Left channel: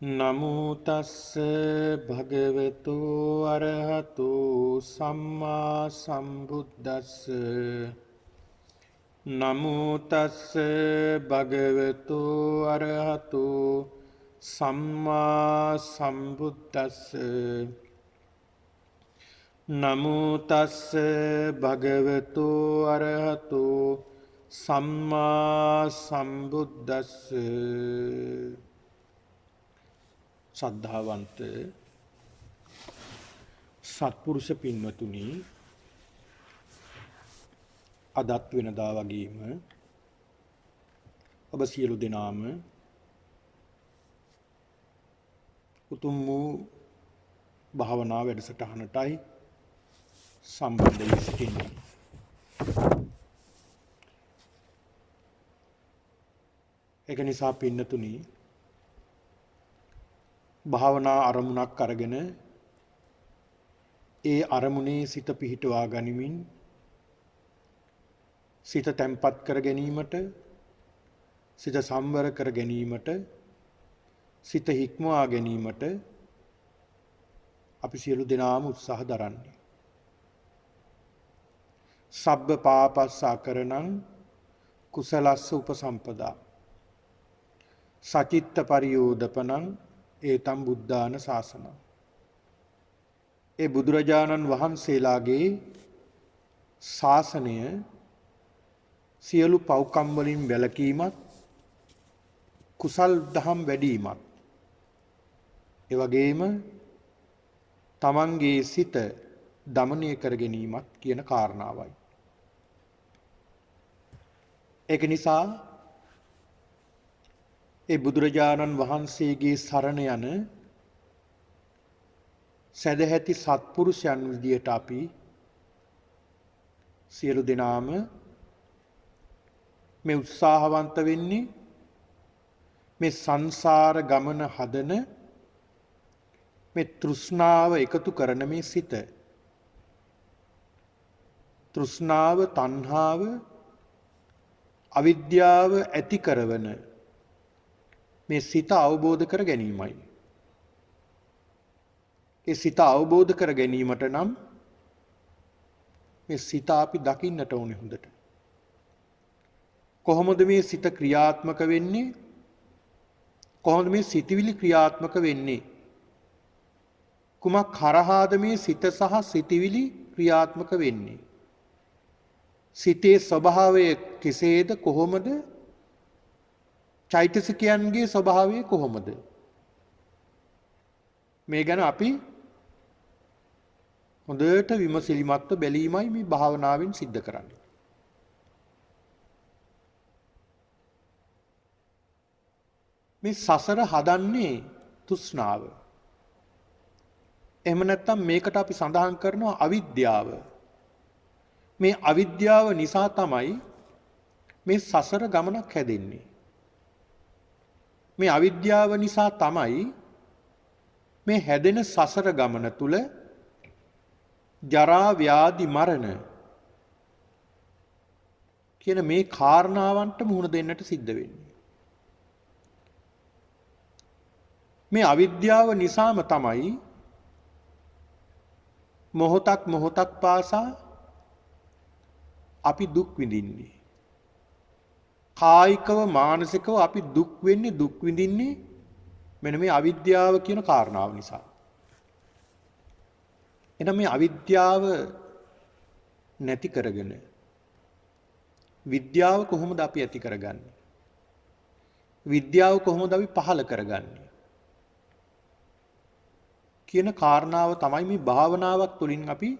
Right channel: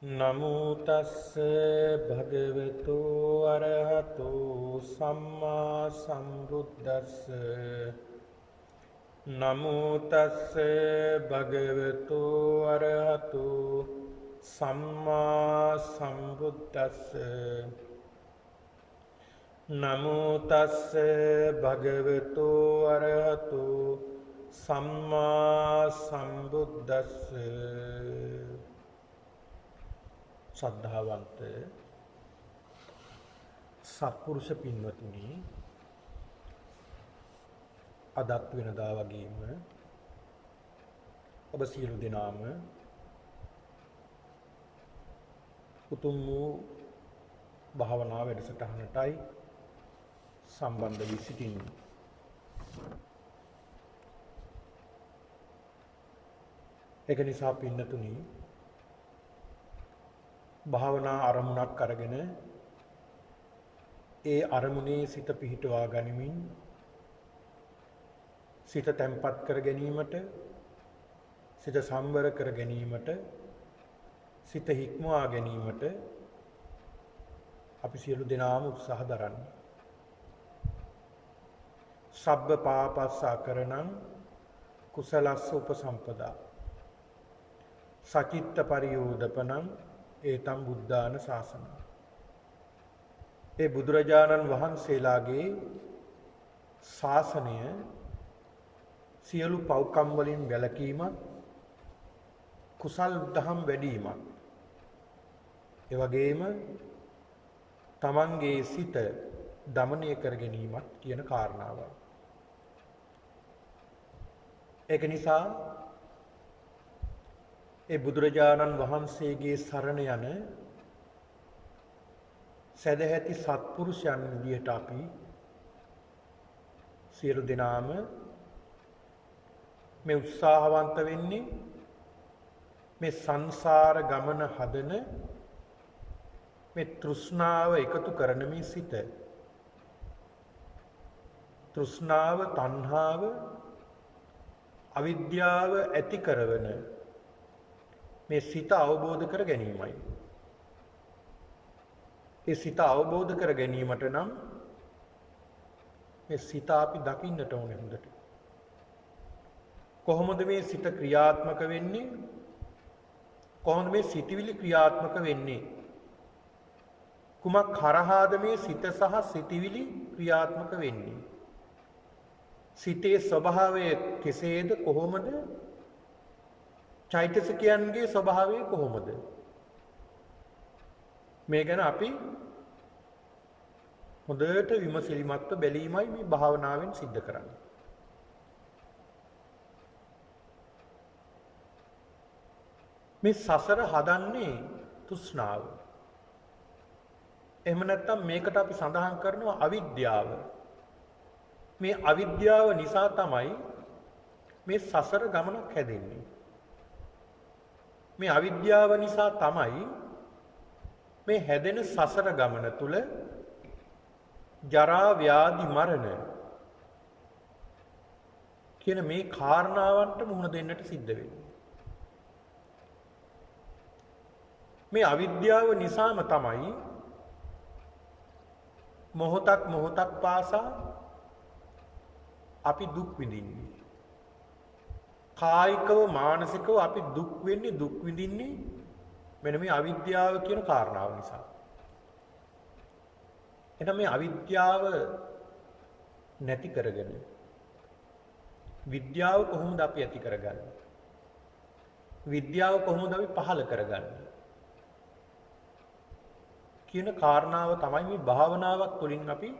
නමෝ තස්ස භගවතු අරහතු සම්මා සම්බුද්දස්ස නමෝ තස්ස භගවතු අරහතු සම්මා සම්බුද්දස්ස නමෝ තස්ස භගවතු අරහතු සම්මා සම්බුද්දස්ස ශ්‍රද්ධාවන්ත සත්පුරුෂ පින්වතුනි, අදත් වෙනදා වගේම ඔබ සියලු දෙනාම උතුම් වූ භාවනා වැඩසටහනටයි සම්බන්ධ වී සිටින්නේ. ඒක නිසා පින්වතුනි, භාවනා අරමුණක් අරගෙන ඒ අරමුණේ සිත පිහිටුවා ගනිමින් සිත තැම්පත් කර ගැනීමට, සිත සම්වර කර ගැනීමට, සිත හික්මවා ගැනීමට අපි සියලු දෙනාම උත්සාහ දරන්නේ. සබ්බ පාපස්ස අකරණං කුසලස්ස උපසම්පදා සචිත්ත පරියෝදපනං ඒතම් බුද්ධාන ශාසන. ඒ බුදුරජාණන් වහන්සේලාගේ ශාසනය සියලු පව්කම් වලින් වැළකීමක්, කුසල් දහම් වැඩිවීමක්, ඒ වගේම තමන්ගේ සිත දමනය කර ගැනීමක් කියන කාරණාවයි. ඒක නිසා ඒ බුදුරජාණන් වහන්සේගේ සරණ යන සදැහැති සත්පුරුෂයන් විදියට අපි සියලු දෙනාම මේ උත්සාහවන්ත වෙන්නේ මේ සංසාර ගමන හදන මේ තෘෂ්ණාව එකතු කරන මේ සිත, තෘෂ්ණාව, තණ්හාව, අවිද්‍යාව ඇති කරවන මේ සිත අවබෝධ කර ගැනීමයි. ඒ සිත අවබෝධ කර ගැනීමට නම් මේ සිත අපි දකින්නට ඕනේ හොඳට. කොහොමද මේ සිත ක්‍රියාත්මක වෙන්නේ? කොහොමද මේ සිතවිලි ක්‍රියාත්මක වෙන්නේ? කුමක් කරහාද මේ සිත සහ සිතවිලි ක්‍රියාත්මක වෙන්නේ? සිතේ ස්වභාවය කෙසේද? කොහොමද? චෛතසිකයන්ගේ ස්වභාවය කොහොමද? මේ ගැන අපි හොඳට විමසිලිමත්ව බැලීමයි මේ භාවනාවෙන් සිද්ධ කරන්නේ. මේ සසර හදන්නේ තෘෂ්ණාව. එහෙම නැත්නම් මේකට අපි සඳහන් කරනවා අවිද්‍යාව. මේ අවිද්‍යාව නිසා තමයි මේ සසර ගමනක් හැදෙන්නේ. මේ අවිද්‍යාව නිසා තමයි මේ හැදෙන සසර ගමන තුල ජරා, ව්‍යාධි, මරණ කියන මේ කාරණාවන්ට මුහුණ දෙන්නට සිද්ධ වෙන්නේ. මේ අවිද්‍යාව නිසාම තමයි මොහොතක් මොහොතක් පාසා අපි දුක් විඳින්නේ. කායිකව, මානසිකව අපි දුක් වෙන්නේ, දුක් විඳින්නේ මෙන්න මේ අවිද්‍යාව කියන කාරණාව නිසා. එහෙනම් මේ අවිද්‍යාව නැති කරගෙන විද්‍යාව කොහොමද අපි ඇති කරගන්නේ? විද්‍යාව කොහොමද අපි පහළ කරගන්නේ? කියන කාරණාව තමයි මේ භාවනාවක් තුළින් අපි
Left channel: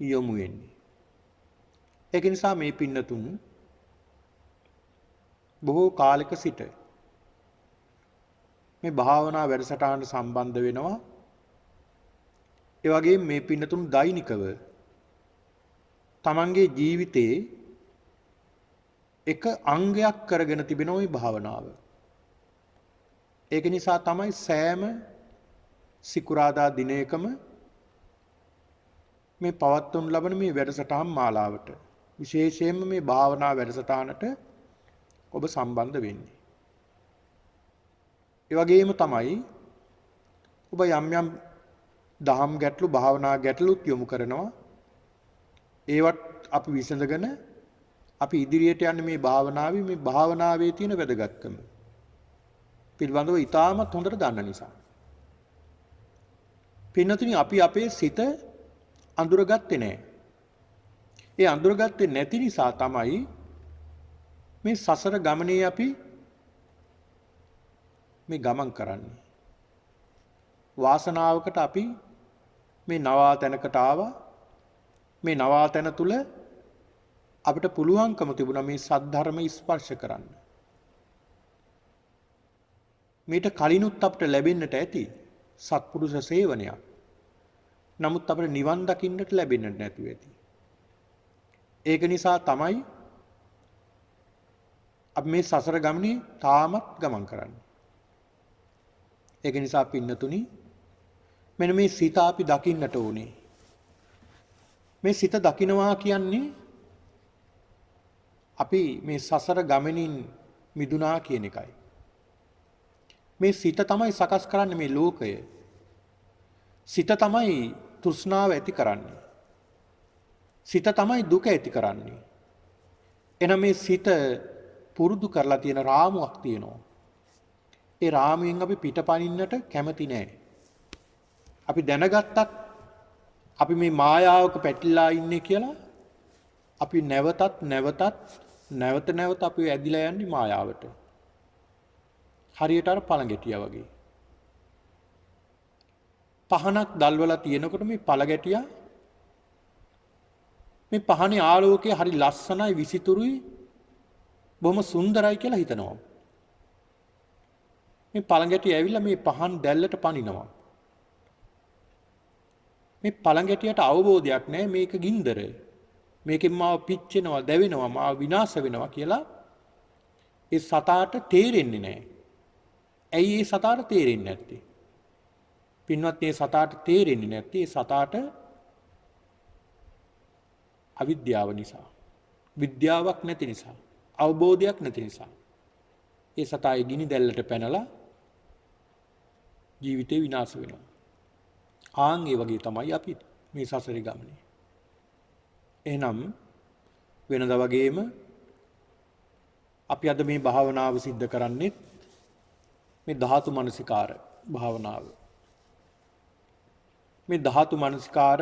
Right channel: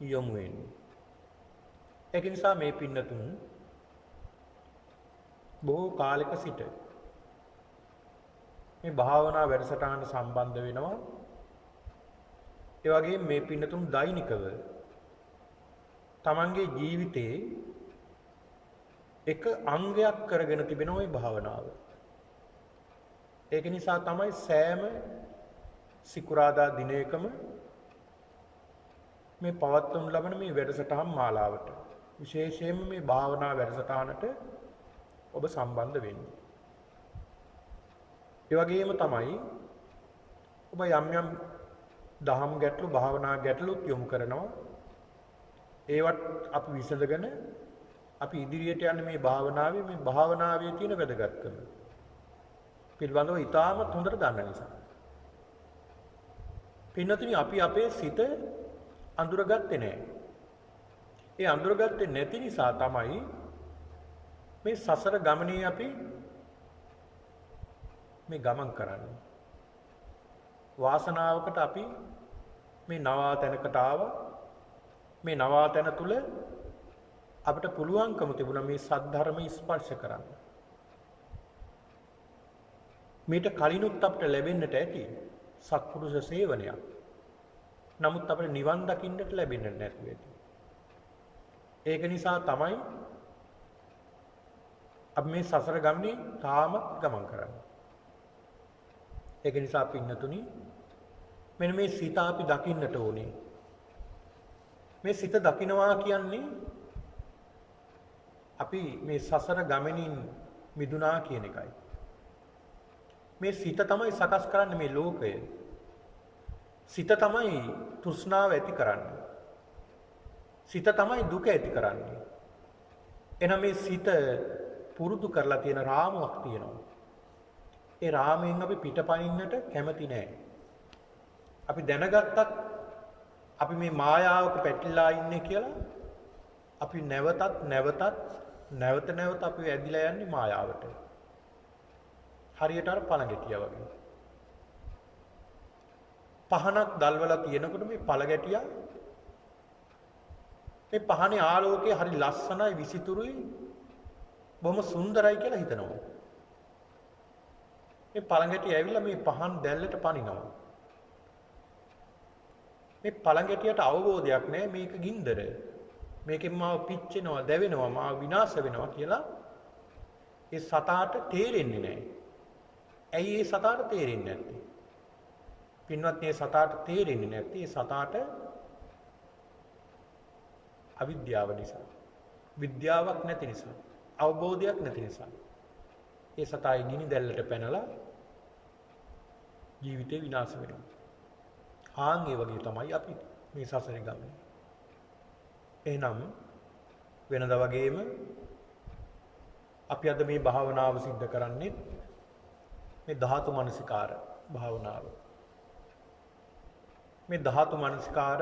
යොමු වෙන්නේ. ඒක නිසා මේ පින්නතුන් බොහෝ කාලයක සිට මේ භාවනා වැඩසටහනට සම්බන්ධ වෙනවා. ඒ වගේම මේ පින්නතුන් දෛනිකව තමන්ගේ ජීවිතයේ එක අංගයක් කරගෙන තිබෙනවා මේ භාවනාව. ඒක නිසා තමයි සෑම සිකුරාදා දිනයකම මේ පවත්වනු ලබන මේ වැඩසටහන් මාලාවට, විශේෂයෙන්ම මේ භාවනා වැඩසටහනට ඔබ සම්බන්ධ වෙන්නේ. ඒ වගේම තමයි ඔබ යම් යම් දහම් ගැටලු භාවනා ගැටලුත් යොමු කරනවා. ඒවත් අපි විසඳගෙන අපි ඉදිරියට යන්නේ මේ භාවනාවේ තියෙන වැදගත්කම පිළිබඳව ඉතාමත් හොඳට දන්න නිසා. පින්නතුනි අපි අපේ සිත අඳුරගත්තේ නැහැ. ඒ අඳුරගත්තේ නැති නිසා තමයි මේ සසර ගමනේ අපි මේ ගමන් කරන්නේ. වාසනාවකට අපි මේ නවාතැනකට ආවා. මේ නවාතැන තුල අපිට පුළුවන්කම තිබුණා මේ සද්ධර්ම ස්පර්ශ කරන්න. මේට කලිනුත් අපිට ලැබෙන්නට ඇති සත්පුරුෂ සේවනයක්. නමුත් අපිට නිවන් දකින්නට ලැබෙන්නට නැතුව ඇති. ඒක නිසා තමයි අපි මේ සසර ගමනේ තාමත් ගමන් කරන්නේ. ඒක නිසා පින්නතුනි මෙන්න මේ සිත අපි දකින්නට ඕනේ. මේ සිත දකින්නවා කියන්නේ අපි මේ සසර ගමනින් මිදුණා කියන එකයි. මේ සිත තමයි සකස් කරන්නේ මේ ලෝකය. සිත තමයි තෘෂ්ණාව ඇති කරන්නේ. සිත තමයි දුක ඇති කරන්නේ. එනම් මේ සිත පුරුදු කරලා තියෙන රාමුවක් තියෙනවා. ඒ රාමුවෙන් අපි පිටපනින්නට කැමති නැහැ. අපි දැනගත්තත් අපි මේ මායාවක පැටලලා ඉන්නේ කියලා අපි නැවත අපි ඇදිලා යන්නේ මායාවට. හරියට අර පළඟැටියා වගේ. පහනක් දැල්වලා තියෙනකොට මේ පළඟැටියා මේ පහනේ ආලෝකය හරි ලස්සනයි විසිතුරුයි බොහොම සුන්දරයි කියලා හිතනවා. මේ පළඟැටිය ඇවිල්ලා මේ පහන් දැල්ලට පනිනවා. මේ පළඟැටියට අවබෝධයක් නැහැ මේක ගින්දර. මේකෙන් මාව පිච්චෙනවා, දැවෙනවා, මාව විනාශ වෙනවා කියලා ඒ සතාට තේරෙන්නේ නැහැ. ඇයි ඒ සතාට තේරෙන්නේ නැත්තේ? පින්වත් මේ සතාට තේරෙන්නේ නැත්තේ ඒ සතාට අවිද්‍යාව නිසා. විද්‍යාවක් නැති නිසා, අවබෝධයක් නැති නිසා. ඒ සතායි ගිනි දැල්ලට පැනලා ජීවිතේ විනාශ වෙනවා. ආන් ඒ වගේ තමයි අපි මේ සසරේ ගමනේ. එහෙනම් වෙනද වගේම අපි අද මේ භාවනාව සිද්ධ කරන්නේ මේ ධාතු මනසිකාර භාවනාව. මේ ධාතු මනසිකාර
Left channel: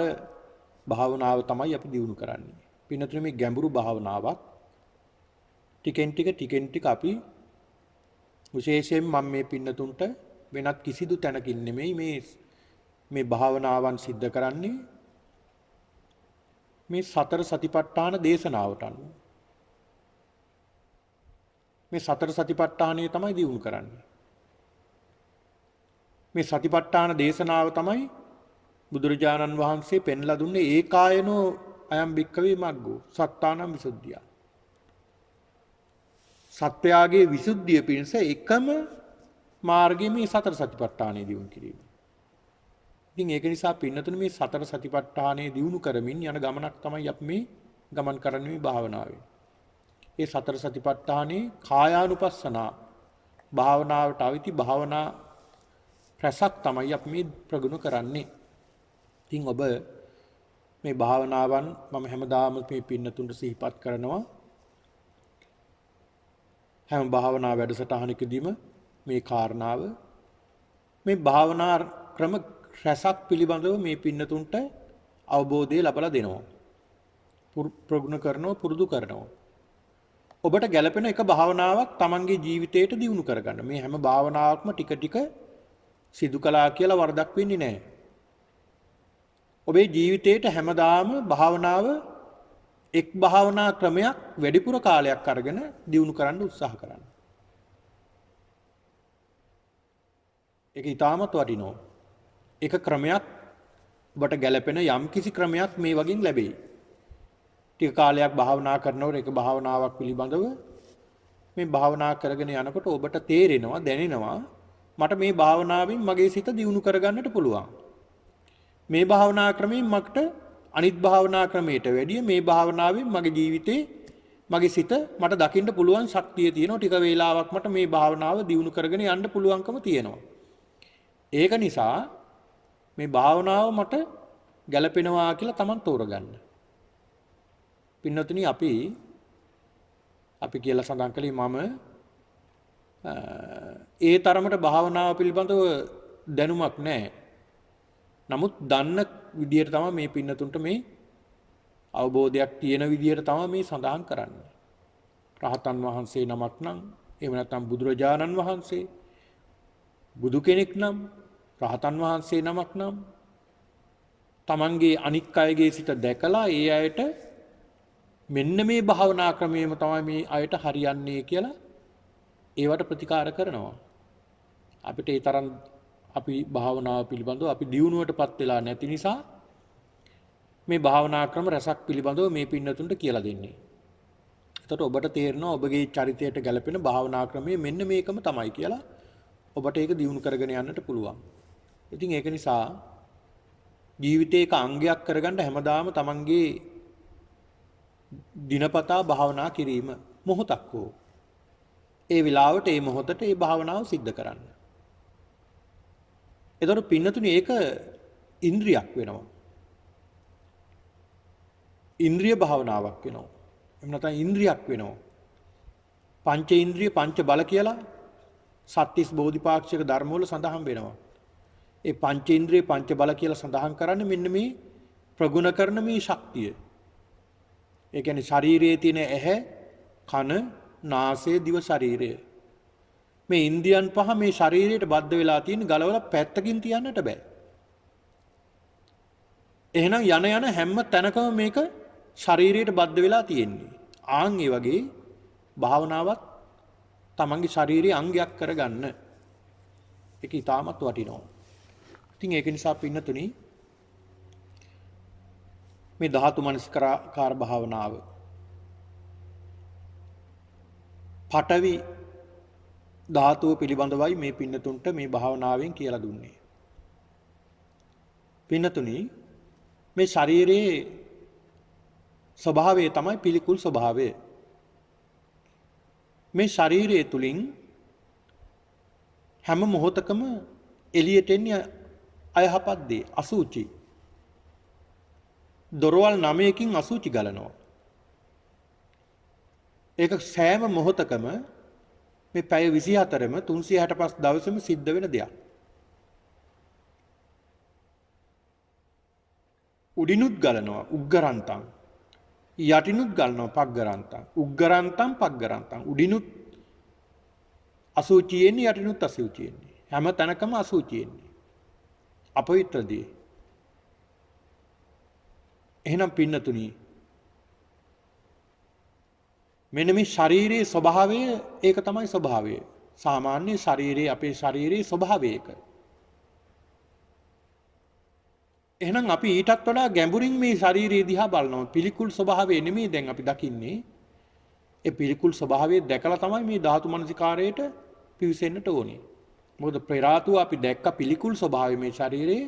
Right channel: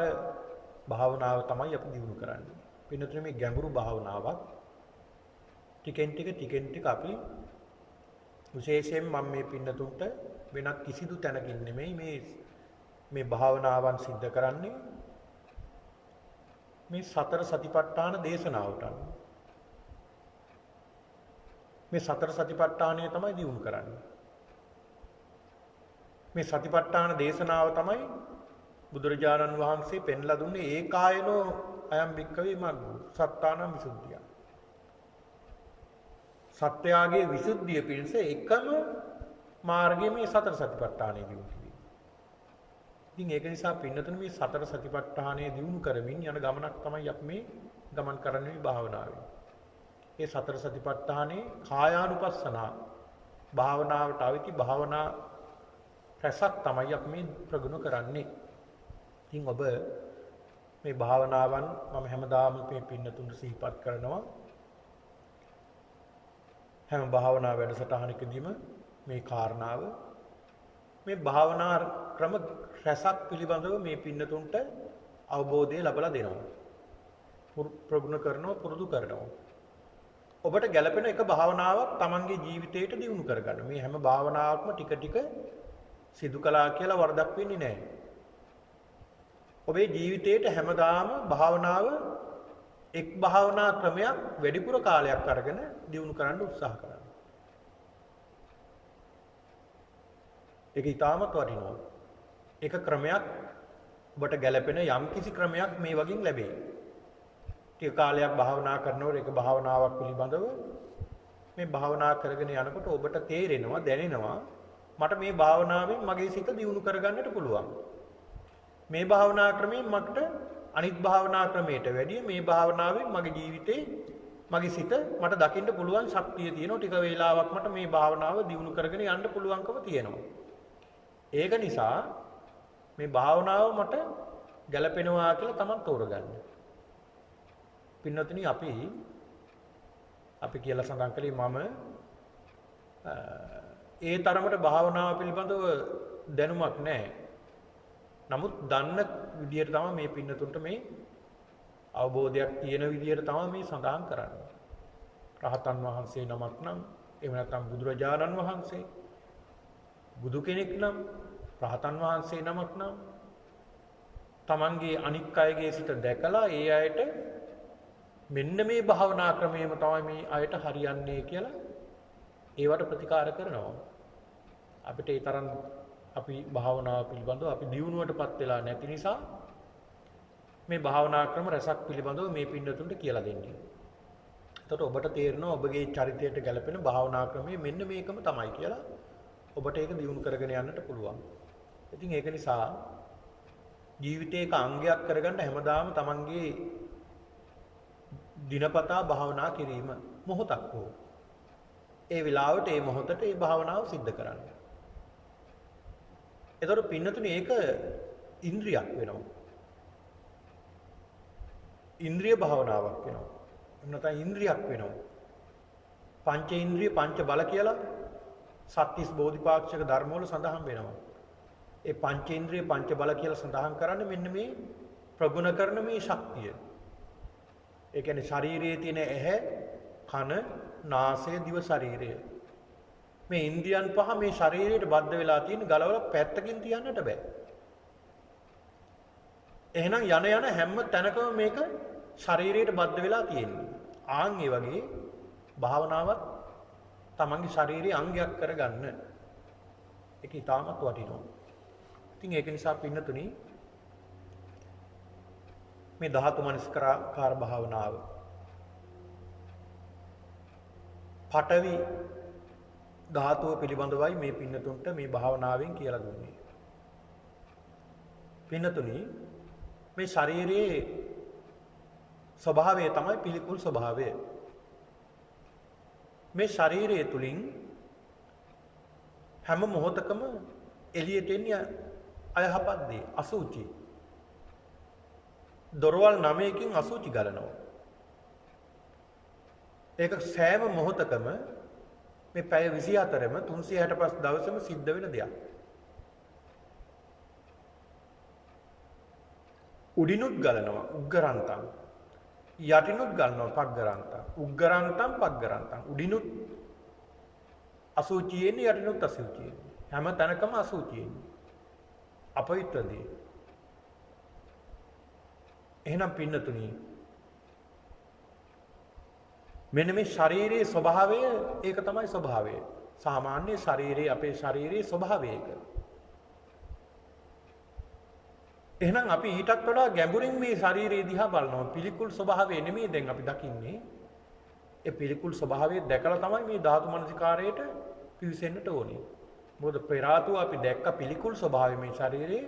භාවනාව තමයි අපි දියුණු කරන්නේ. පින්නතුනේ මේ ගැඹුරු භාවනාවක් ටිකෙන් ටික අපි විශේෂයෙන් මම මේ පින්නතුන්ට වෙනත් කිසිදු තැනකින් නෙමෙයි මේ භාවනාවන් සිද්ධ කරන්නේ මේ සතර සතිපට්ඨාන දේශනාවට අනුව. මේ සතර සතිපට්ඨානය තමයි දියුණු කරන්නේ. මේ සතිපට්ඨාන දේශනාව තමයි බුදුරජාණන් වහන්සේ පෙන්ලා දුන්නේ ඒකායනෝ අයම් භික්ඛවේ මග්ගෝ සත්තානං විසුද්ධිය. සත්‍යයේ විසුද්ධිය පිණිස එකම මාර්ගය මේ සතර සතිපට්ඨානය දියුණු කිරීම. ඉතින් ඒක නිසා පින්නතුනේ මේ සතර සතිපට්ඨානය දියුණු කරමින් යන ගමනක් තමයි අපි මේ ගමන් කරන්නේ මේ භාවනාවෙන්. ඒ සතර සතිපට්ඨානේ කායානුපස්සනා භාවනාවට අවදි භාවනා රසක් තමයි අපි මේ ප්‍රගුණ කරන්නේ. ඉතින් ඔබ මේ භාවනාවන් මම හැමදාම මේ පින්නතුන්ට සිහිපත් කරනවා. හැම භාවනා වැඩසටහනකදීම මේ කාරණාව මේ භාවනා ක්‍රම රසක් පිළිබඳව මේ පින්නතුන්ට අවබෝධය ලබා දෙනවා. ප්‍රගුණ කරනවා, පුරුදු කරනවා. ඔබට ගැළපෙන එක භාවනාවක් Tamanගේ ජීවිතයට දියුණු කරගන්න. මේ හැම භාවනාවක්ම ටික සිදු කළා කියලා වරදක් වෙන්නේ නැහැ. ඔබේ ජීවිතයට හැමදාම භාවනාව එක් භාවනා ක්‍රමයක් වැඩිපුර කාලයක් අරගෙන දියුණු කරන්න උත්සාහ කරන්න. ඒක ඊටමත් වටිනවා. එක ක්‍රමයක් ඔබට ගැළපෙන යම් කිසි ක්‍රමයක් මේ වගින් ලැබෙයි. ටික කාලයක් භාවනා කරනකොට ඒක භාවනාවක් පිළිබඳව මේ භාවනා කරගෙන යනකොට ඔබට තේරෙනවා, දැනෙනවා මට මේ භාවනාවෙන් මගේ සිත දියුණු කරගන්නට පුළුවන්. මේ භාවනා ක්‍රමයෙන් මට අනිත් භාවනා ක්‍රමයට වැඩිය මේ භාවනාවෙන් මගේ ජීවිතේ මගේ සිත මට දකින්න පුළුවන් ශක්තිය තියෙනවා. ටික වේලාවක් මට මේ භාවනාව දියුණු කරගෙන යන්න පුළුවන්කම තියෙනවා. ඒක නිසා මේ භාවනාව මට ගැළපෙනවා කියලා Taman තෝරගන්න. පින්නතුනි අපි කියලා සඳහන් කළේ මම ඒ තරමට භාවනාව පිළිබඳව දැනුමක් නැහැ. නමුත් දන්න විදියට තමයි මේ පින්නතුන්ට මේ අවබෝධයක් තියෙන විදියට තමයි මේ සඳහන් කරන්නේ. රහතන් වහන්සේ නමක් නම් එහෙම නැත්නම් බුදුරජාණන් වහන්සේ බුදු කෙනෙක් නම් රහතන් වහන්සේ නමක් නම් තමන්ගේ අනික් අයගේ සිත දැකලා ඒ අයට මෙන්න මේ භාවනා ක්‍රමයේම තමයි මේ අයට හරියන්නේ කියලා ඒවට ප්‍රතිකාර කරනවා. අපිට ඒ තරම් අපි භාවනාව පිළිබඳව අපි දියුණුවටපත් වෙලා නැති නිසා මේ භාවනා ක්‍රම රසක් පිළිබඳව මේ පින්නතුන්ට කියලා දෙන්නේ. එතකොට ඔබට තේරෙනවා ඔබගේ චරිතයට ගැලපෙන භාවනා ක්‍රමය මෙන්න මේකම තමයි කියලා ඔබට ඒක දියුණු කරගෙන යන්නට පුළුවන්. ඉතින් ඒක නිසා ජීවිතේක අංගයක් කරගන්න හැමදාම තමන්ගේ දිනපතා භාවනා කිරීම මොහොතක් හෝ ඒ වෙලාවට ඒ මොහොතට ඒ භාවනාව සිද්ධ කරන්න. එතකොට පින්නතුනි ඒක ඉන්ද්‍රියක් වෙනවා. ඉන්ද්‍රිය භාවනාවක් වෙනවා. එහෙම නැත්නම් ඉන්ද්‍රියක් වෙනවා. පංච ඉන්ද්‍රිය පංච බල කියලා සත්‍තිස් බෝධිපාක්ෂික ධර්ම වල සඳහන් වෙනවා. ඒ පංච ඉන්ද්‍රිය පංච බල කියලා සඳහන් කරන්නේ මෙන්න මේ ප්‍රගුණ කරන මේ ශක්තිය. ඒ කියන්නේ ශරීරයේ තියෙන ඇහැ, කන, නාසය, දිව ශරීරය. මේ ඉන්ද්‍රියන් පහ මේ ශරීරයට බද්ධ වෙලා තියෙන ගලවලා පැත්තකින් තියන්නට බෑ. එහෙනම් යන හැම තැනකම මේක ශරීරයට බද්ධ වෙලා තියෙන්නේ. ආන් ඒ වගේ භාවනාවක් තමන්ගේ ශාරීරික අංගයක් කරගන්න. ඒක ඊටමත් වටිනවා. ඉතින් ඒක නිසා පින්නතුනි මේ ධාතු මනස්කාර භාවනාව පඨවි ධාතුව පිළිබඳවයි මේ පින්නතුන්ට මේ භාවනාවෙන් කියලා දුන්නේ. පින්නතුනි මේ ශරීරයේ ස්වභාවය තමයි පිළිකුල් ස්වභාවය. මේ ශරීරය තුලින් හැම මොහොතකම එළියට එන්නේ අයහපත් දේ අසුචි. දොරවල් 9කින් අසුචි ගලනවා. ඒක සෑම මොහොතකම මේ පැය 24ම 365 දවසෙම සිද්ධ වෙන දෙයක්. උඩිනුත් ගලනවා උග්ගරන්තං. යටිනුත් ගලනවා පග්ගරන්තං. උග්ගරන්තං පග්ගරන්තං. උඩිනුත් අසුචියෙන්නේ යටිනුත් අසුචියෙන්නේ. හැම තැනකම අසුචියෙන්නේ. අපවිත්‍රදී. එහෙනම් පින්නතුනි මෙන්න මේ ශාරීරික ස්වභාවය ඒක තමයි ස්වභාවය. සාමාන්‍ය ශරීරයේ අපේ ශරීරයේ ස්වභාවය ඒක. එහෙනම් අපි ඊටත් වඩා ගැඹුරින් මේ ශරීරය දිහා බලනවා. පිළිකුල් ස්වභාවය නෙමෙයි දැන් අපි දකින්නේ. ඒ පිළිකුල් ස්වභාවය දැකලා තමයි මේ ධාතු මනසිකාරයට පිවිසෙන්නට ඕනේ. මොකද පෙරාතුව අපි දැක්ක පිළිකුල් ස්වභාවය මේ ශරීරයේ.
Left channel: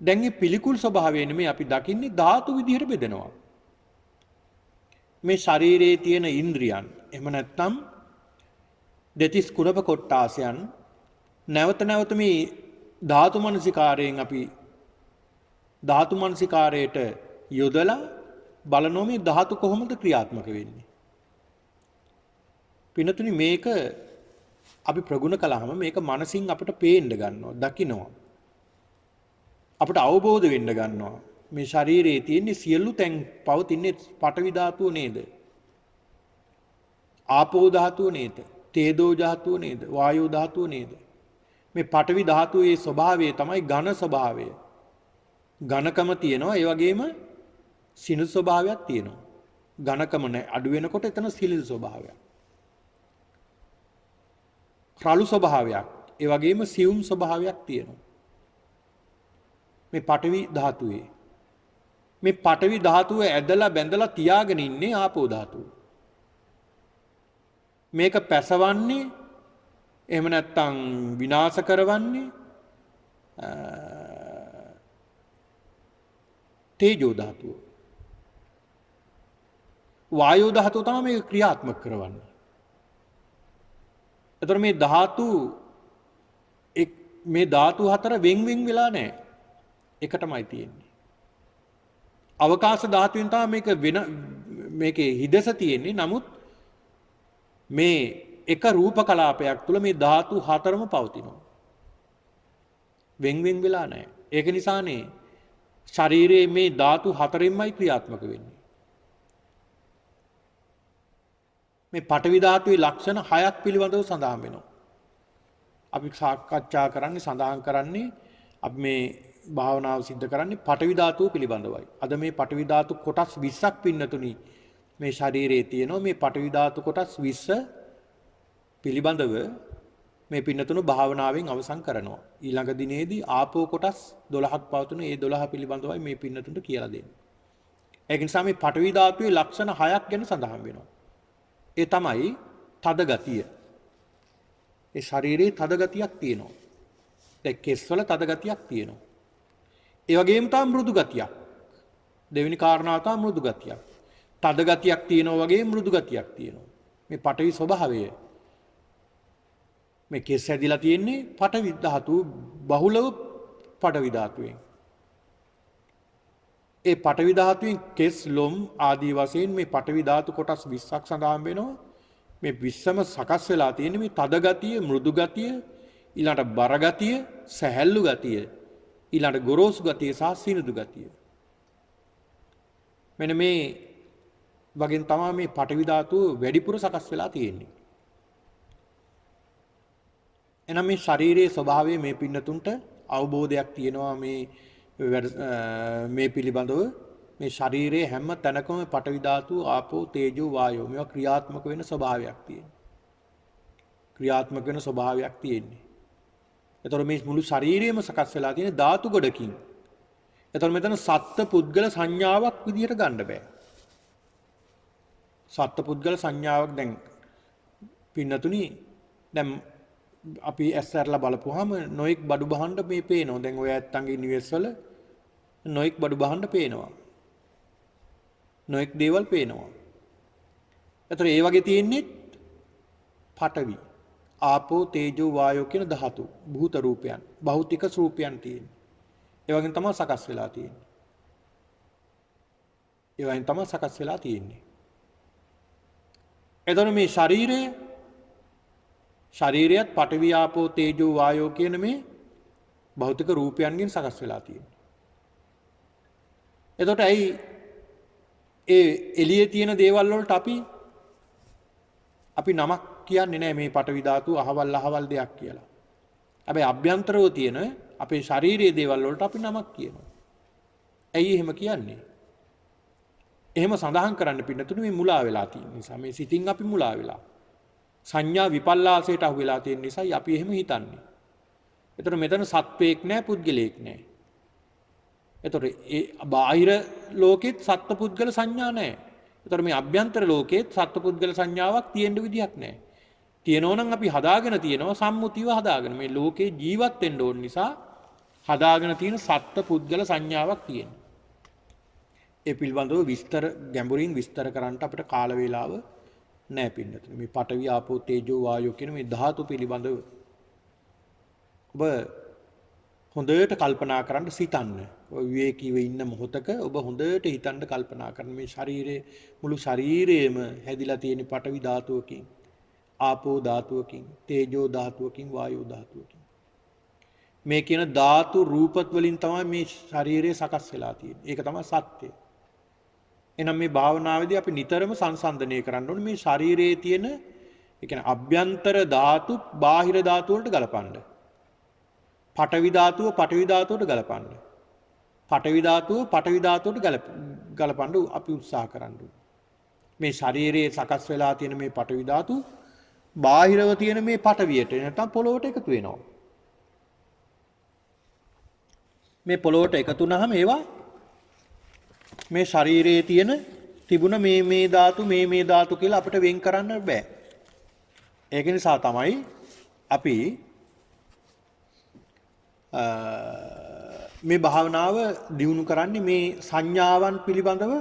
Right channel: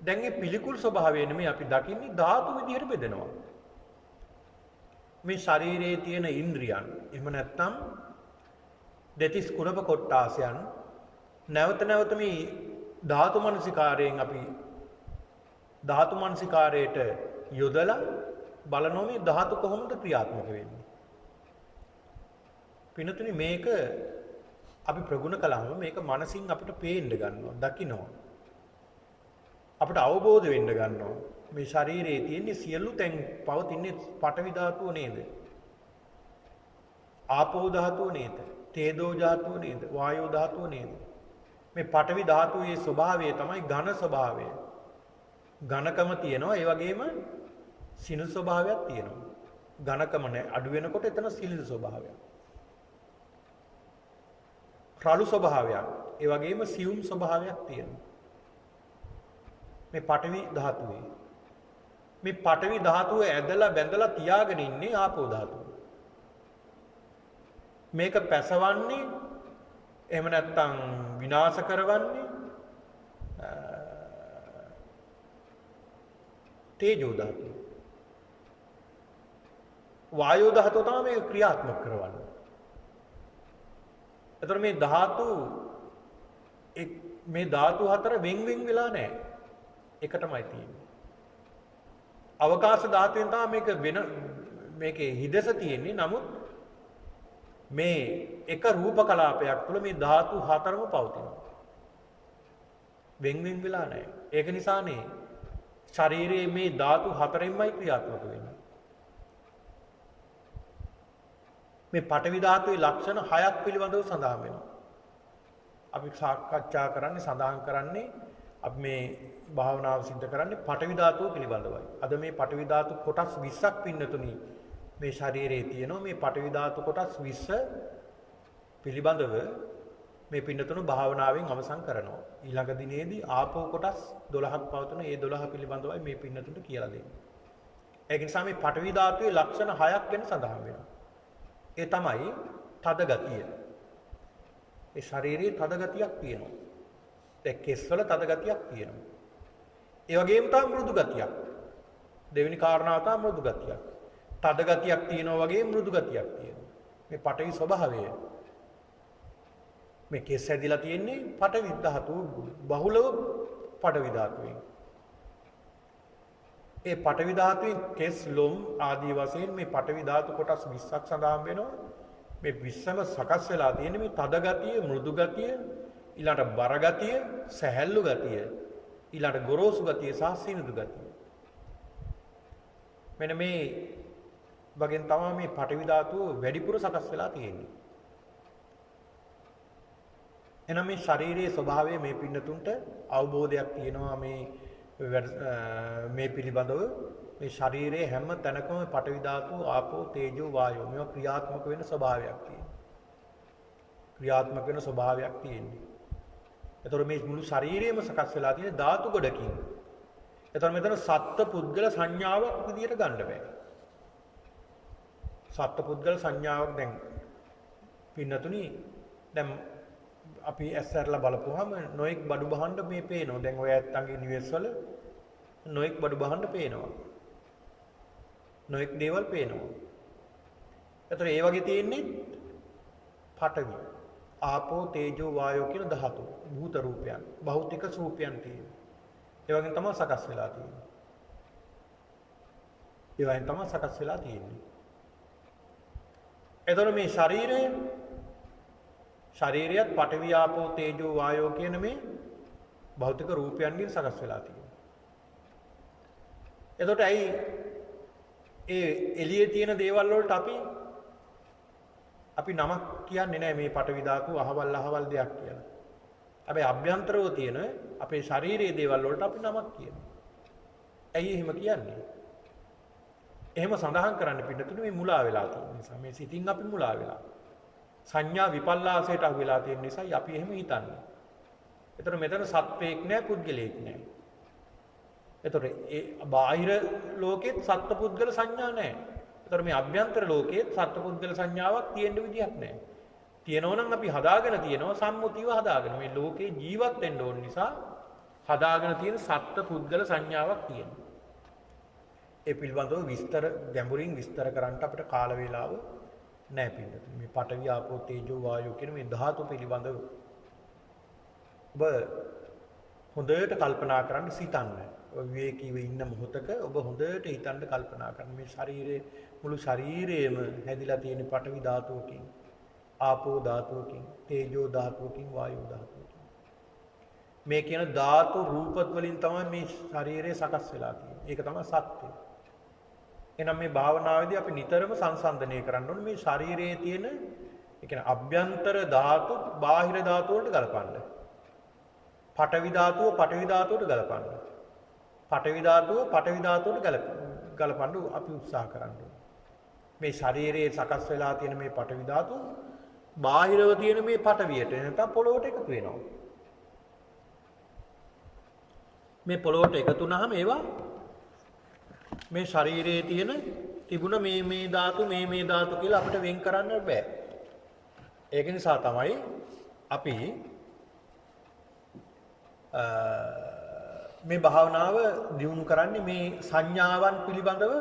දැන් මේ පිළිකුල් ස්වභාවය නෙමෙයි අපි දකින්නේ ධාතු විදිහට බෙදෙනවා. මේ ශරීරයේ තියෙන ඉන්ද්‍රියන් එහෙම නැත්නම් දෙතිස් කුණප කොට්ටාසයන් නැවත නැවත මේ ධාතු මනසිකාරයෙන් අපි ධාතු මනසිකාරයට යොදලා බලනෝ මේ ධාතු කොහොමද ක්‍රියාත්මක වෙන්නේ. පිනතුනි මේක අපි ප්‍රගුණ කළාම මේක මනසින් අපිට පේන්න ගන්නවා, දකින්නවා. අපිට අවබෝධ වෙන්න ගන්නවා. මේ ශරීරයේ තියෙන සියලු තැන් පවතින්නේ පඨවි ධාතුව නේද? ආපෝ ධාතුව නේද? තේජෝ ධාතුව නේද? වායෝ ධාතුව නේද? මේ පඨවි ධාතුවේ ස්වභාවය තමයි ඝන ස්වභාවය. ඝනකම තියෙනවා, ඒ වගේම සිනිඳු ස්වභාවයක් තියෙනවා. ඝනකම අඩු වෙනකොට එතන සිනිඳු ස්වභාවයක්. රළු ස්වභාවයක්, ඒ වගේම සියුම් ස්වභාවයක් තියෙනවා. මේ පඨවි ධාතුවේ මේ පඨවි ධාතුව ඇදලා බැඳලා තියාගෙන ඉන්නේ ආපෝ ධාතුව. මේක පැසවන්නේ එහෙම නැත්නම් විනාශ කරවන්නේ තේජෝ ධාතුව. වායෝ ධාතුව තමයි මේක ක්‍රියාත්මක කරවන්නේ. එතකොට මේ ධාතු හතර වෙන් වෙලා නැහැ. එකටමයි තියෙන්නේ. අවකාශ ධාතුවෙන් තමයි මේකේ හිදස තියෙන්නේ. නමුත් මේ එක රූප කලාපයක් තුළ මේ ධාතු හතරම පවතිනවා. වෙන් වෙලා නැහැ. ඒක නිසානේ ශරීරයේ මේ ධාතු හතරින්මයි ක්‍රියාත්මක වෙන්නේ. මේ පඨවි ධාතුවේ ලක්ෂණ 6ක් පිළිබඳව සඳහන් වෙනවා. අපි සාකච්ඡා කරන්නේ සඳහන් කරන්නේ අපි මේ භාවනාව සිද්ධ කරන්නේ පඨවි ධාතුව පිළිබඳවයි. අද මේ පඨවි ධාතු කොටස් 20ක් පින්නතුනි මේ ශරීරයේ තියෙනවා. මේ පඨවි ධාතු කොටස් 20 පිළිබඳව මේ පින්නතුණු භාවනාවෙන් අවසන් කරනවා. ඊළඟ දිනේදී ආපෝ කොටස් 12ක් පවතුන ඒ 12 පිළිබඳවයි මේ පින්නතුන්ට කියලා දෙන්නේ. ඒක නිසා මේ පඨවි ධාතුවේ ලක්ෂණ 6ක් ගැන සඳහන් වෙනවා. ඒ තමයි තද ගතිය. ඒ ශරීරයේ තද ගතියක් තියෙනවා. ඒ කෙස්වල තද ගතියක් තියෙනවා. ඒ වගේම තමයි මෘදු ගතියක්. දෙවෙනි කාරණාව තමයි මෘදු ගතියක්. තද ගතියක් තියෙනවා වගේ මෘදු ගතියක් තියෙනවා. මේ පඨවි ස්වභාවය. මේ කෙස් ඇදිලා තියෙන්නේ පඨවි ධාතු බහුලව පඨවි ධාතුවෙන්. ඒ පඨවි ධාතුවෙන් කෙස් ලොම් ආදී වශයෙන් මේ පඨවි ධාතු කොටස් 20ක් සඳහන් වෙනවා. මේ 20ම සකස් වෙලා තියෙන්නේ මේ තද ගතිය, මෘදු ගතිය, ඊළඟට බර ගතිය, සැහැල්ලු ගතිය, ඊළඟට ගොරෝසු ගතිය සහ සිනිඳු ගතිය. මෙන්න මේ වගේ තමයි මේ පඨවි ධාතුව වැඩිපුර සකස් වෙලා තියෙන්නේ. එනම් මේ ශරීරයේ ස්වභාවය මේ පින්නතුන්ට අවබෝධයක් තියෙනවා මේ පිළිබඳව. මේ ශරීරයේ හැම තැනකම පඨවි ධාතු, ආපෝ, තේජෝ, වායෝ මේවා ක්‍රියාත්මක වෙන ස්වභාවයක් තියෙනවා. ක්‍රියාත්මක වෙන ස්වභාවයක් තියෙන්නේ. එතකොට මේ මුළු ශරීරයම සකස් වෙලා තියෙන ධාතු ගොඩකින්. එතකොට මෙතන සත්ත්ව පුද්ගල සංඥාවක් විදිහට ගන්න බෑ. සත්ත්ව පුද්ගල සංඥාවක් දැන් පින්නතුනි දැන් අපි ඇස්සරලා බලපුවාම නොඑක් බඩු බහන්න මේ පේනවා. දැන් ඔය ඇත්තන්ගේ නිවෙස් වල නොඑක් බඩු බහන්න පේනවා. නොඑක් දේවල් පේනවා. ඒතර ඒ වගේ තියෙන්නේ පඨවි, ආපෝ, තේජෝ, වායෝ කියන ධාතු භූත රූපයන්, භෞතික රූපයන් තියෙන්නේ. ඒ වගේම තමයි සකස් වෙලා තියෙන්නේ. ඒ වගේම තමයි සකස් වෙලා තියෙන්නේ. එතකොට මේ ශරීරයත් පඨවි, ආපෝ, තේජෝ, වායෝ කියන මේ භෞතික රූපයන්ගෙන් සකස් වෙලා තියෙනවා. එතකොට ඇයි ඒ එළියේ තියෙන දේවල් වලට අපි නමක් කියන්නේ නැහැ මේ පඨවි ධාතු අහවල් දෙයක් කියලා. හැබැයි අභ්‍යන්තරව තියෙන අපේ ශාරීරික දේවල් වලට අපි නමක් කියනවා. ඇයි එහෙම කියන්නේ? එහෙම සඳහන් කරන්න පින්නතුනේ මේ මුලා වෙලා තියෙන නිසා මේ සිතින් අපි මුලා වෙලා. සංඥා විපල්ලාසයට අහු වෙලා තියෙන නිසායි අපි එහෙම හිතන්නේ. ඒතර මෙතන සත්වයක් නැහැ, පුද්ගලයෙක් නැහැ. ඒතර ඒ බාහිර ලෝකෙත් සත්ත්ව පුද්ගල සංඥා නැහැ. ඒතර මේ අභ්‍යන්තර ලෝකෙත් සත්ත්ව පුද්ගල සංඥාවක් තියෙන්න විදියක් නැහැ. තියෙනවා නම් අපි හදාගෙන තියෙනවා සම්මුතියව හදාගෙන. මේ ලෝකේ ජීවත් වෙන්න ඕන නිසා හදාගෙන තියෙන සත්ත්ව පුද්ගල සංඥාවක් තියෙනවා. ඒ පිළිබඳව ගැඹුරින් විස්තර කරන්න අපිට කාල වේලාව නැහැ පින්නතුනි. මේ පඨවි, ආපෝ, තේජෝ, වායෝ කියන මේ ධාතු පිළිබඳව ඔබ හොඳට කල්පනා කරන්න සිතන්න. ඔය විවේකීව ඉන්න මොහොතක ඔබ හොඳට හිතන්න කල්පනා කරන්න. මේ ශරීරයේ මුළු ශරීරයේම හැදිලා තියෙන පඨවි ධාතුවකින්, ආපෝ ධාතුවකින්, තේජෝ ධාතුවකින්, වායෝ ධාතුවකින්. මේ කියන ධාතු රූපත් වලින් තමයි මේ ශරීරය සකස් වෙලා තියෙන්නේ. ඒක තමයි සත්‍යය. එහෙනම් මේ භාවනාවේදී අපි නිතරම සංසන්දනය කරන්න ඕනේ මේ ශරීරයේ තියෙන ඒ කියන්නේ අභ්‍යන්තර ධාතු බාහිර ධාතු වලට ගලපන්න. පඨවි ධාතුව පඨවි ධාතුවට ගලපන්න. පඨවි ධාතුව පඨවි ධාතුවට ගලපන්න අපි උත්සාහ කරන්න ඕනේ. මේ ශරීරයේ සකස් වෙලා තියෙන මේ පඨවි ධාතු බාහිරව තියෙන මේ පඨවියට නැත්නම් පොළොවට එකතු වෙනවා. මේ පොළොවට එකතු වුනහම ඒවා මේ ශරීරයේ තියෙන තිබුණ මේ ධාතු මේ ධාතු කියලා අපිට වෙන් කරන්න බෑ. ඒක නිසා තමයි අපි මේ භාවනාව දියුණු කරන්නේ මේ සංඥාවන් පිළිබඳව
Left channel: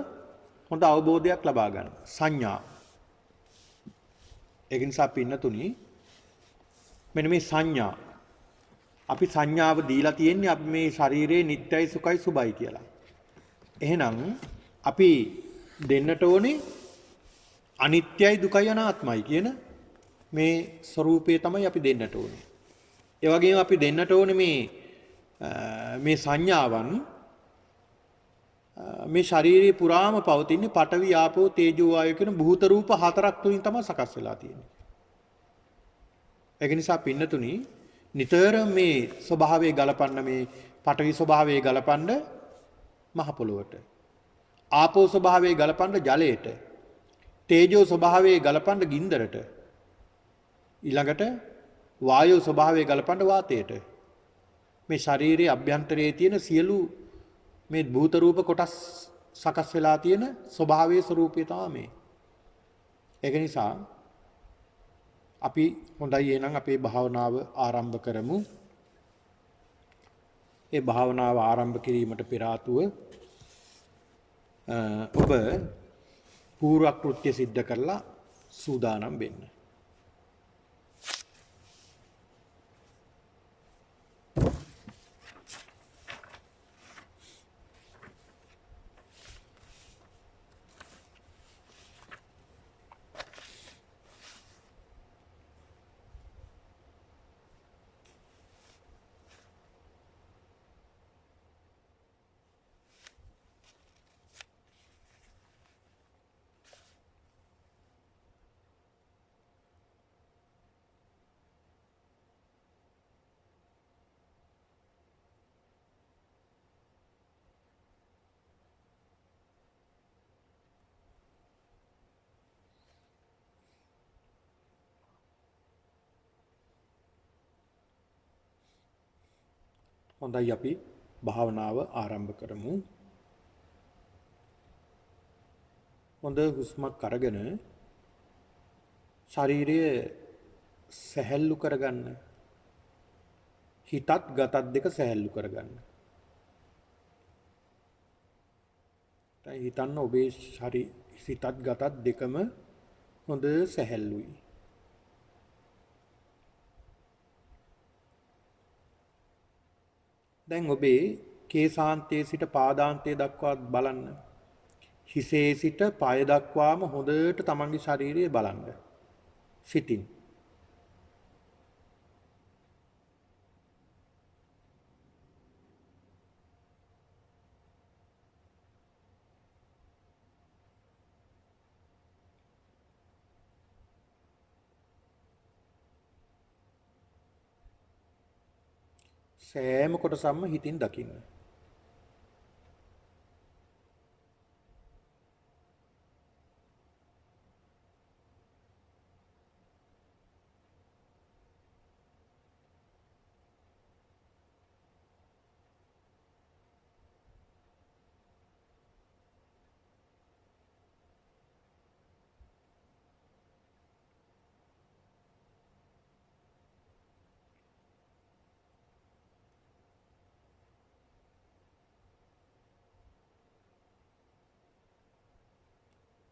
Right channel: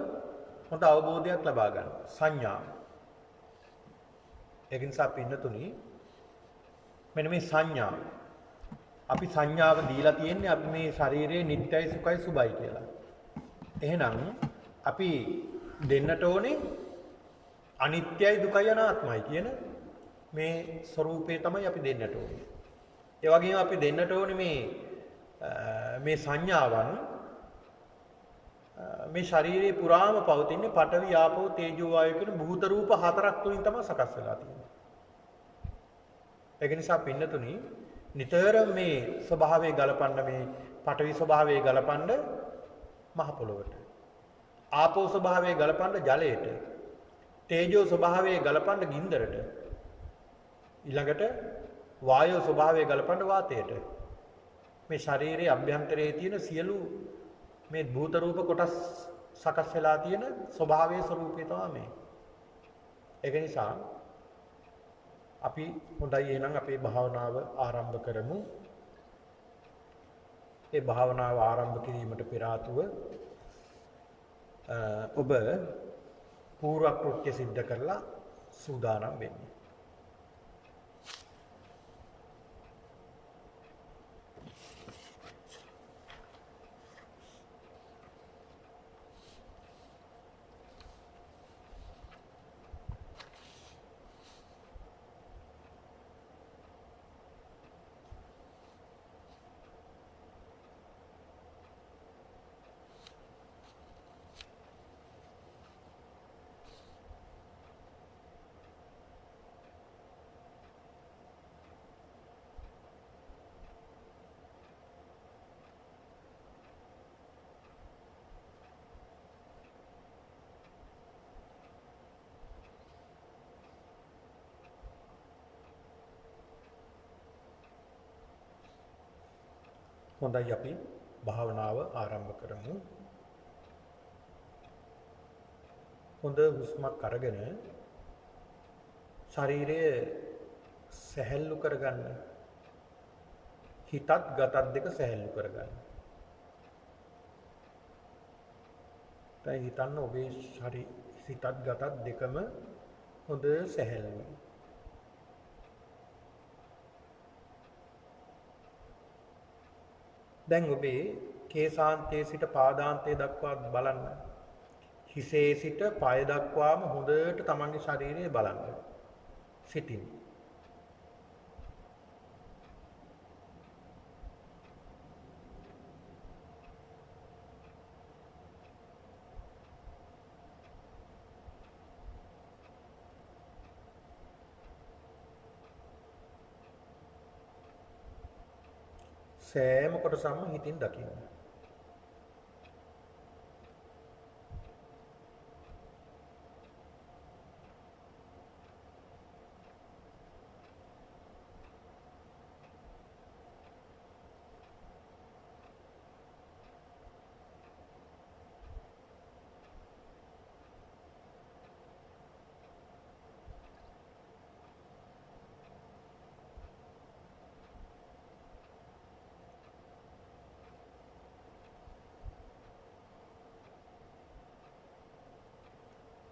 හොඳ අවබෝධයක් ලබා ගන්න. සංඥා. ඒක නිසා පින්නතුනි මෙන්න මේ සංඥා අපි සංඥාව දීලා තියෙන්නේ අපි මේ ශරීරයේ නිට්ටයයි සුඛයි සුබයි කියලා. එහෙනම් අපි දෙන්නට ඕනේ අනිත්‍යයි දුකයි අනාත්මයි කියන මේ ස්වરૂපය තමයි අපි දෙන්නට ඕනේ. ඒ වගේම අපි දෙන්නට ඕනේ මේ සංඥාවන් මේ ශරීරේ පුරාම පවතින පඨවි ආපෝ තේජෝ වායෝ කියන භූත රූප හතරක් තුලින් තමයි සකස් වෙලා තියෙන්නේ. ඒක නිසා පින්නතුනි නිතරම මේ ස්වභාවයේ ගලපන්න මේ පඨවි ස්වභාවයේ ගලපන්න මහ පොළොවට. ආපෝ ස්වභාවයේ ගලපන්න ජලයට. තේජෝ ස්වභාවයේ ගලපන්න ගින්දරට. ඊළඟට වායෝ ස්වභාවයේ ගලපන්න වාතයට. මේ ශරීරයේ අභ්‍යන්තරයේ තියෙන සියලු මේ භූත රූප කොටස් සකස් වෙලා තියෙන ස්වභාවයේ ස්වરૂපය තමයි මේ. ඒක නිසා අපි හොඳයි එහෙනම් අපේ භාවනාව ආරම්භ කරමු. ඒ භාවනාව ආරම්භ කිරීමට පෙර ආතුව ඔබ පූර්ව කෘත්‍ය සිද්ධ කරලා සූදානම් වෙන්න. හොඳයි අපි භාවනාව ආරම්භ කරමු. හොඳ හුස්මක් අරගෙන ශරීරය සැහැල්ලු කරගන්න. හිතත් ගතත් දෙක සැහැල්ලු කරගන්න. දැන් හිතන්න ඔබේ සිතත් ගතත් දෙකම හොඳ සැහැල්ලුයි. දැන් ඔබේ කේසාන්තයේ සිට පාදාන්තයේ දක්වා බලන්න. හිසේ සිට පාය දක්වාම හොඳට තමන්ගේ ශරීරය බලන්න. සිතින්. සෑම කොටසක්ම හිතින් දකින්න.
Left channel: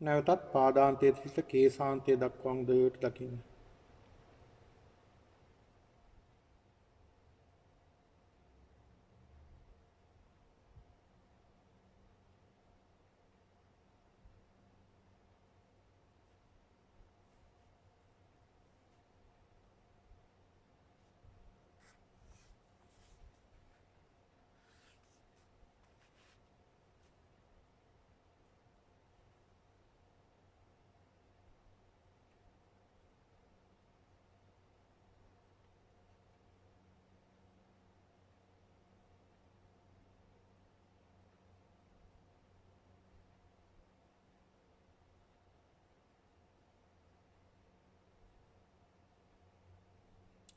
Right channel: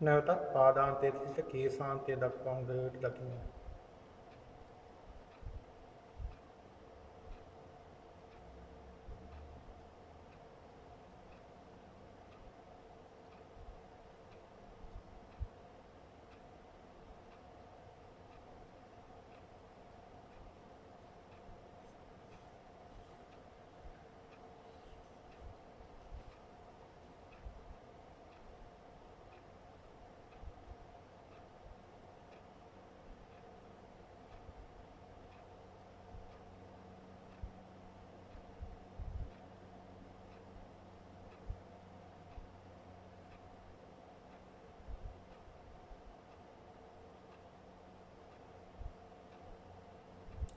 නැවතත් පාදාන්තයේ සිට කේසාන්තයේ දක්වා හොඳට දකින්න.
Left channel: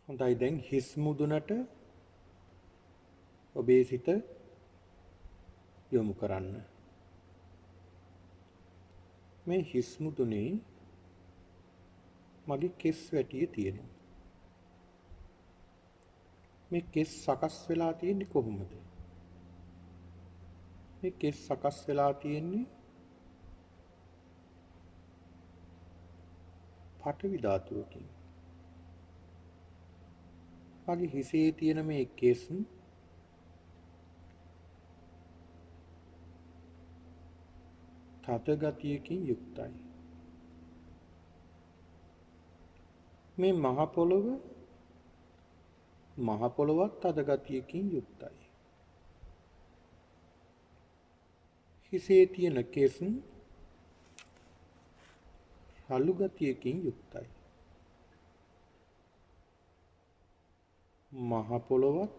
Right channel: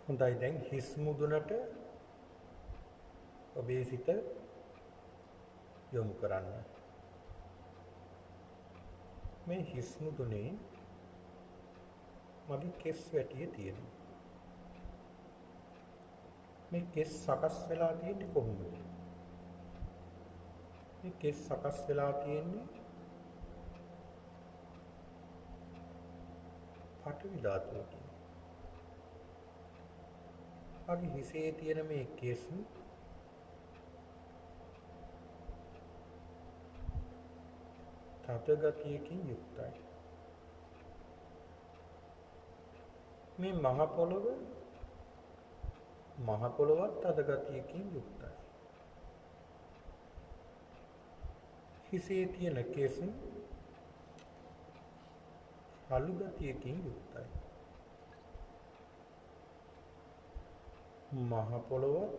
හොඳයි දැන් හිස් මුදුනට ඔබේ සිත යොමු කරන්න. මේ හිස් මුදුනේ මගේ කෙස් වැටිය තියෙනවා. මේ කෙස් සකස් වෙලා තියෙන්නේ කොහොමද? මේ කෙස් සකස් වෙලා තියෙන්නේ පඨවි ධාතුවකින්. මගේ හිසේ තියෙන මේ කෙස් තද ගතියකින් යුක්තයි. මේ මහ පොළොවත් තද ගතියකින් යුක්තයි. හිසේ තියෙන කෙස් රළු ගතියකින් යුක්තයි. මහ පොළොවත්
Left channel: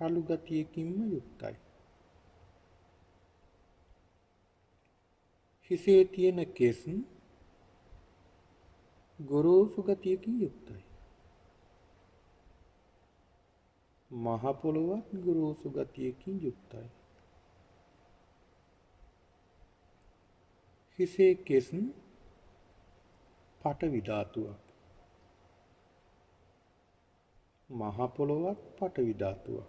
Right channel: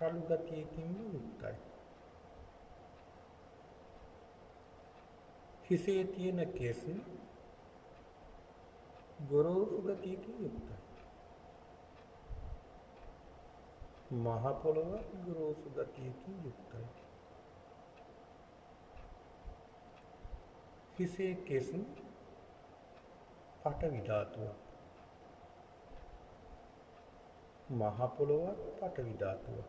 රළු ගතියකින්ම යුක්තයි. හිසේ තියෙන කෙස් ගොරෝසු ගතියකින් යුක්තයි. මහ පොළොවත් ගොරෝසු ගතියකින් යුක්තයි. හිසේ කෙස් පඨවි ධාතුවක්. මහ පොළොවත් පඨවි ධාතුවක්.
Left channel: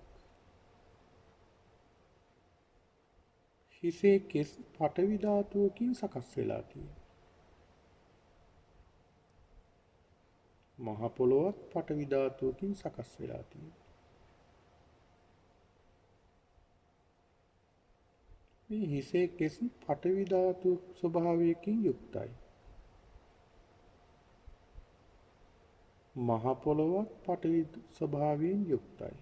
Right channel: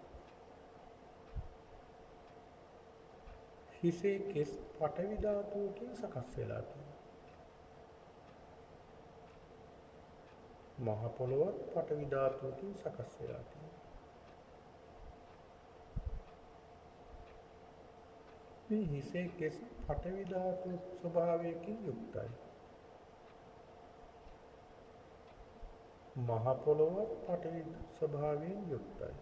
හිසේ කෙස් පඨවි ධාතුවකින් සකස් වෙලා තියෙනවා. මහ පොළොවත් පඨවි ධාතුවකින් සකස් වෙලා තියෙනවා. මේ හිසේ කෙස් පඨවි ධාතු ස්වභාවයකින් යුක්තයි. මහ පොළොවත් පඨවි ස්වභාවයෙන් යුක්තයි.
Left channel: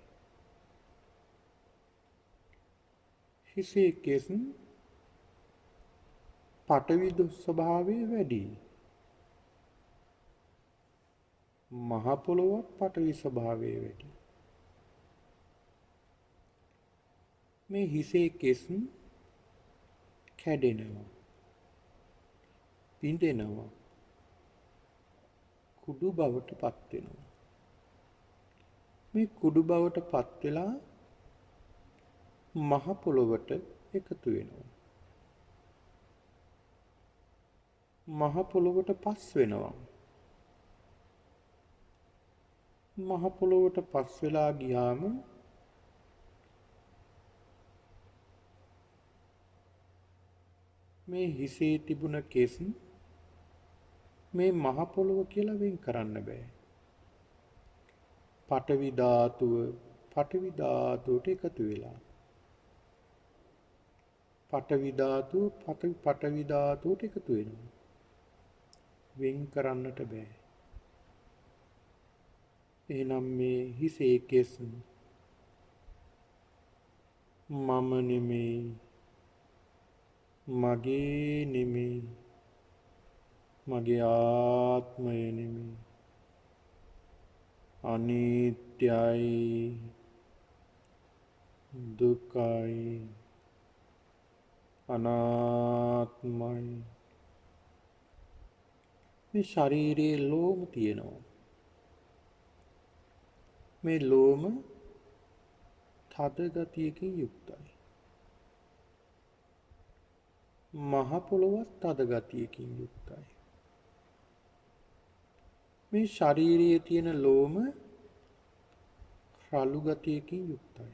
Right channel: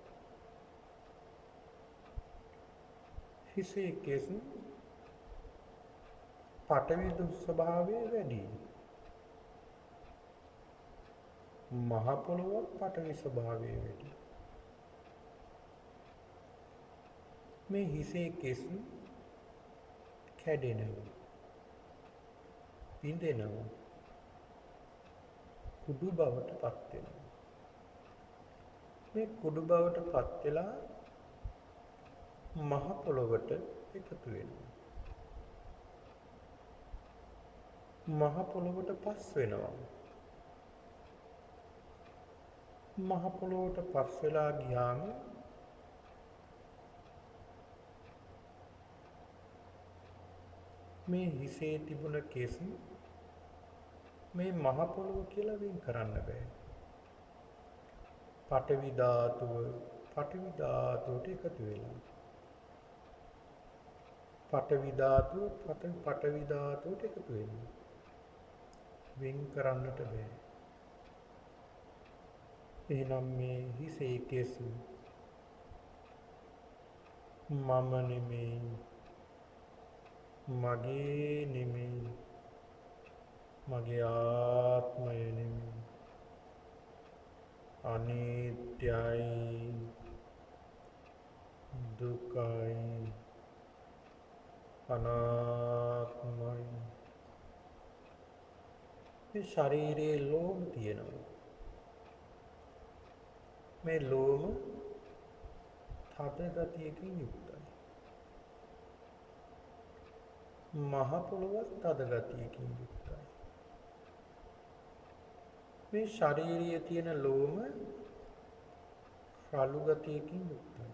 හිසේ කෙස් පඨවි ස්වභාවය වැඩි. මහ පොළොවත් පඨවි ස්වභාවය වැඩි. මේ හිසේ කෙස් කැඩෙනවා, පිඳෙනවා, කුඩු බවට පත් වෙනවා. මේ කුඩු බවට පත් වෙලා මහ පොළොවට එකතු වෙනවා. මහ පොළොවට පස් වෙනවා. මහ පොළොවට පස් වෙලා ගියාම මේ හිසේ තිබුණ කෙස් මේ මහ පොළොව කියලා වෙන් කරන්න බෑ. පඨවි ධාතුවට එකතු වෙලා. පඨවි ධාතුවට එකතු වෙනවා. වෙන් කරන්නට බෑ. එහෙනම් මේ හිසේ කෙස් මම නෙමෙයි, මගේ නෙමෙයි, මගේ ආත්මය නෙමෙයි, අනිත්‍යයි, දුකයි, අනාත්මයි. මේ ශරීරයේ ලෝම තියෙනවා. මේ ලෝම තද ගතියකින් යුක්තයි. මහ පොළොවත් තද ගතියකින් යුක්තයි. මේ ශරීරයේ තියෙන ලෝම රළු ගතියකින් යුක්තයි.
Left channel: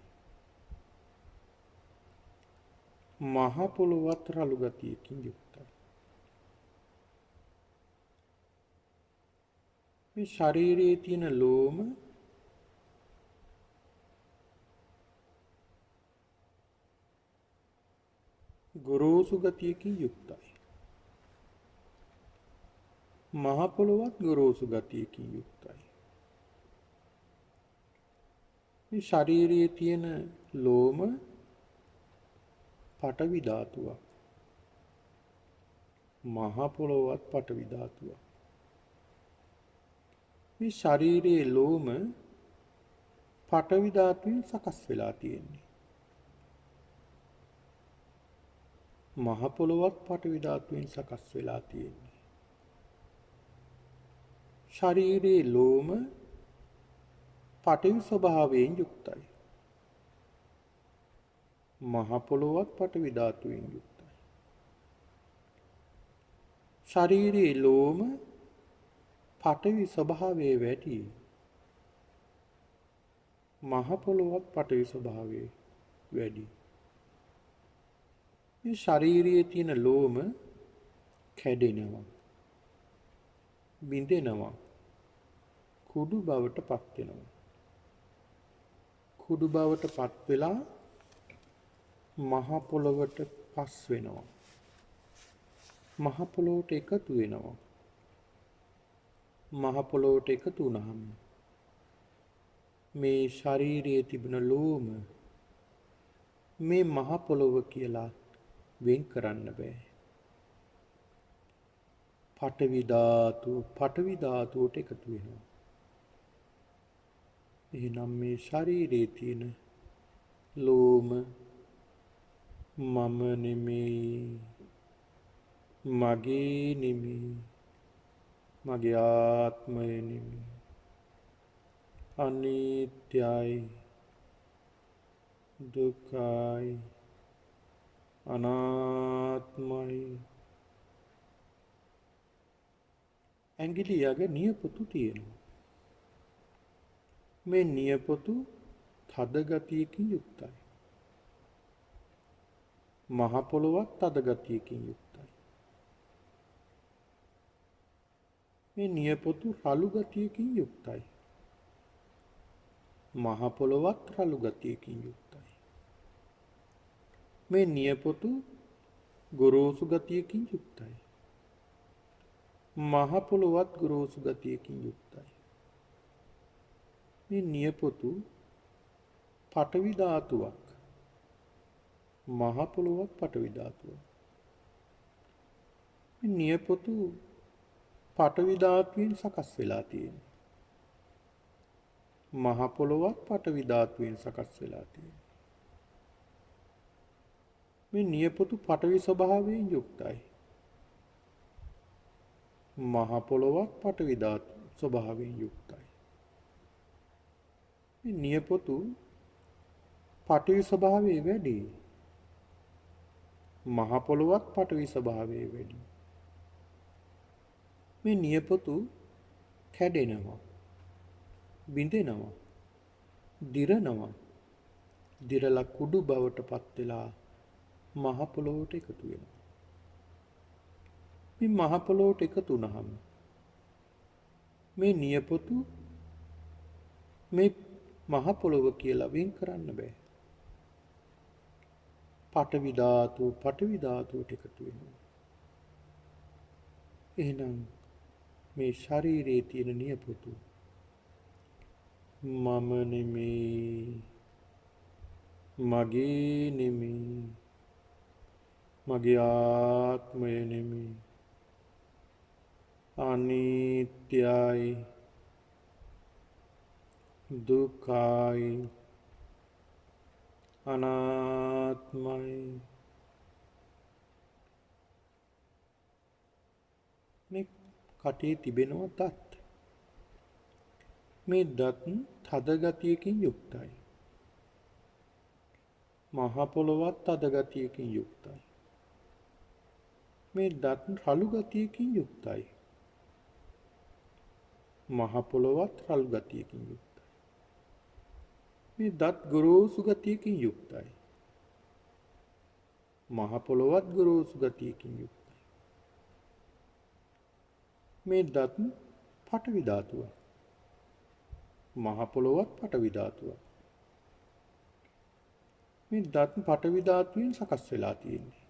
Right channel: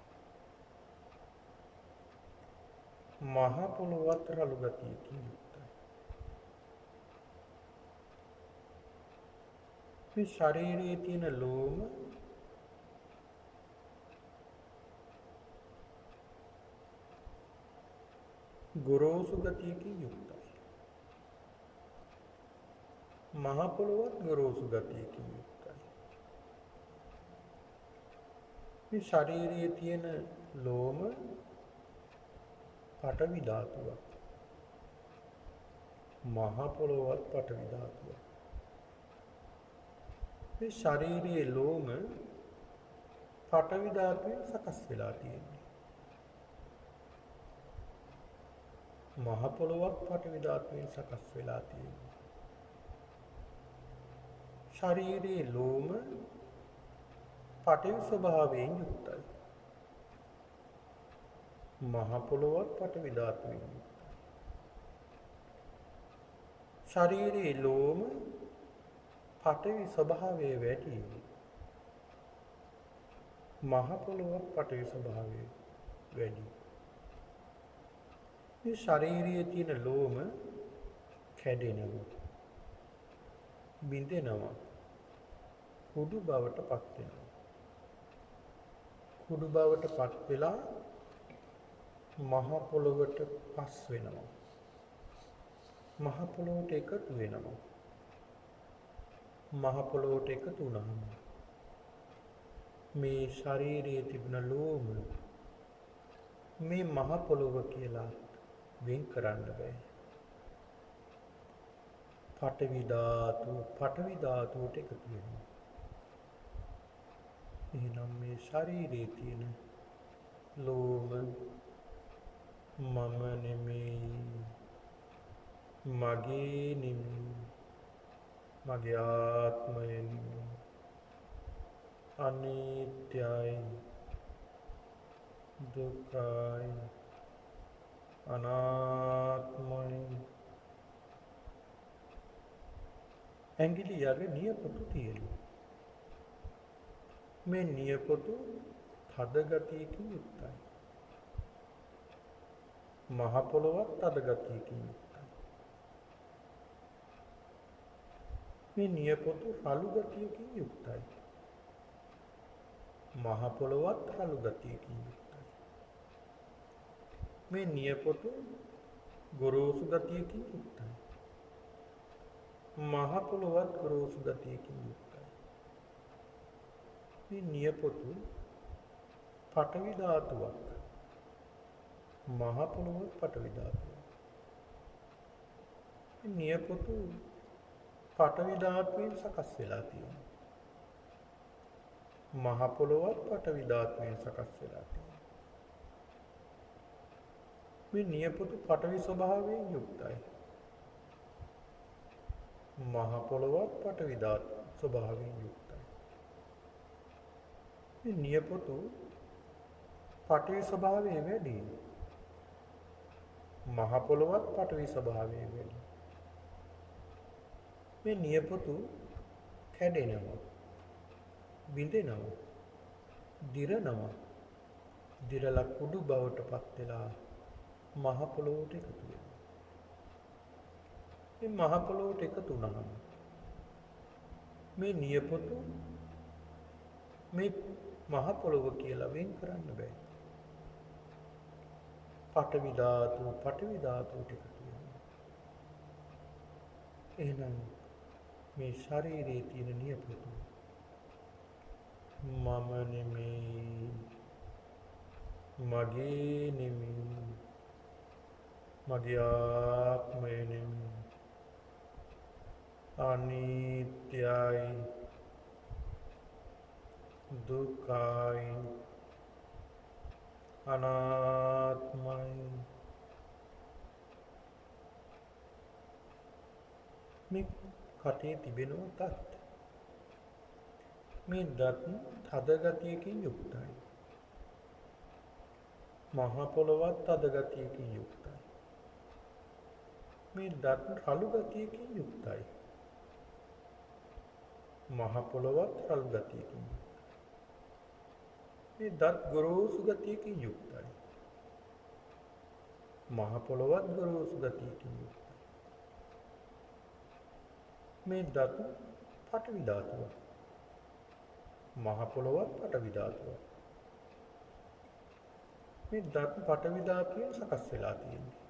මහ පොළොවත් රළු ගතියකින් යුක්තයි. මේ ශරීරයේ තියෙන ලෝම ගොරෝසු ගතියකින් යුක්තයි. මහ පොළොවත් ගොරෝසු ගතියකින් යුක්තයි. මේ ශරීරයේ තියෙන ලෝම පඨවි ධාතුවක්. මහ පොළොවත් පඨවි ධාතුවක්. මේ ශරීරයේ ලෝම පඨවි ධාතුවෙන් සකස් වෙලා තියෙන්නේ. මහ පොළොවත් පඨවි ධාතුවෙන් සකස් වෙලා තියෙන්නේ. ශරීරයේ ලෝම පඨවි ස්වභාවයෙන් යුක්තයි. මහ පොළොවත් පඨවි ධාතුවෙන් යුක්තයි. ශරීරයේ ලෝම පඨවි ස්වභාවයේ වැඩි. මහ පොළොවත් පඨවි ස්වභාවයේ වැඩි. මේ ශරීරයේ තියෙන ලෝම කැඩෙනවා, බිඳෙනවා. කුඩු බවට පත් වෙනවා. කුඩු බවට පත් වෙලා මහ පොළොවට පස් වෙනවා. මහ පොළොවට එකතු වෙනවා. මහ පොළොවට එකතු වුණාම මේ ශරීරයේ තිබෙන ලෝම මේ මහ පොළොව කියලා වෙන් කරන්න බෑ. පඨවි ධාතුවට එකතු වෙනවා. එහෙනම් මේ ශරීරයේ තියෙන ලෝම මම නෙමෙයි, මගේ නෙමෙයි, මගේ ආත්මය නෙමෙයි, අනිත්‍යයි, දුක්ඛයි, අනාත්මයි. ඇඟිලි යග නියපොතු තියෙනවා. මේ නියපොතු තද ගතියකින් යුක්තයි. මහ පොළොවත් තද ගතියකින් යුක්තයි. මේ නියපොතු රළු ගතියකින් යුක්තයි. මහ පොළොවත් රළු ගතියකින් යුක්තයි. මේ නියපොතු ගොරෝසු ගතියකින් යුක්තයි. මහ පොළොවත් ගොරෝසු ගතියකින් යුක්තයි. මේ නියපොතු පඨවි ධාතුවක්. මහ පොළොවත් පඨවි ධාතුවක්. මේ නියපොතු පඨවි ධාතුවෙන් සකස් වෙලා තියෙනවා. මහ පොළොවත් පඨවි ධාතුවෙන් සකස් වෙලා තියෙනවා. මේ නියපොතු පඨවි ස්වභාවයෙන් යුක්තයි. මහ පොළොවත් පඨවි ධාතු ස්වභාවයෙන් යුක්තයි. මේ නියපොතු පඨවි ස්වභාවයේ වැඩි. මහ පොළොවත් පඨවි ස්වභාවයේ වැඩි. මේ නියපොතු කැඩෙනවා, බිඳෙනවා, දිරනවා. දිරලා කුඩු බවට පත් වෙලා මහ පොළොවට එකතු වෙනවා. මේ මහ පොළොවට එකතු වුණාම මේ නියපොතු මේ මහ පොළොව කියලා වෙන් කරන්න බෑ. පඨවි ධාතුවට එකතු වෙනවා. එහෙනම් මේ ශරීරයේ තියෙන නියපොතු මම නෙමෙයි, මගේ නෙමෙයි, මගේ ආත්මය නෙමෙයි, අනිත්‍යයි, දුක්ඛයි, අනාත්මයි. මේ කටේ තිබෙනවා දත්. මේ දත් තද ගතියකින් යුක්තයි. මහ පොළොවත් තද ගතියකින් යුක්තයි. මේ දත් රළු ගතියකින් යුක්තයි. මහ පොළොවත් රළු ගතියකින් යුක්තයි. මේ දත් ගොරෝසු ගතියකින් යුක්තයි. මහ පොළොවත් ගොරෝසු ගතියකින් යුක්තයි. මේ දත් පඨවි ධාතුවක්. මහ පොළොවත් පඨවි ධාතුවක්. මේ දත් පඨවි ධාතුවෙන් සකස් වෙලා තියෙන්නේ.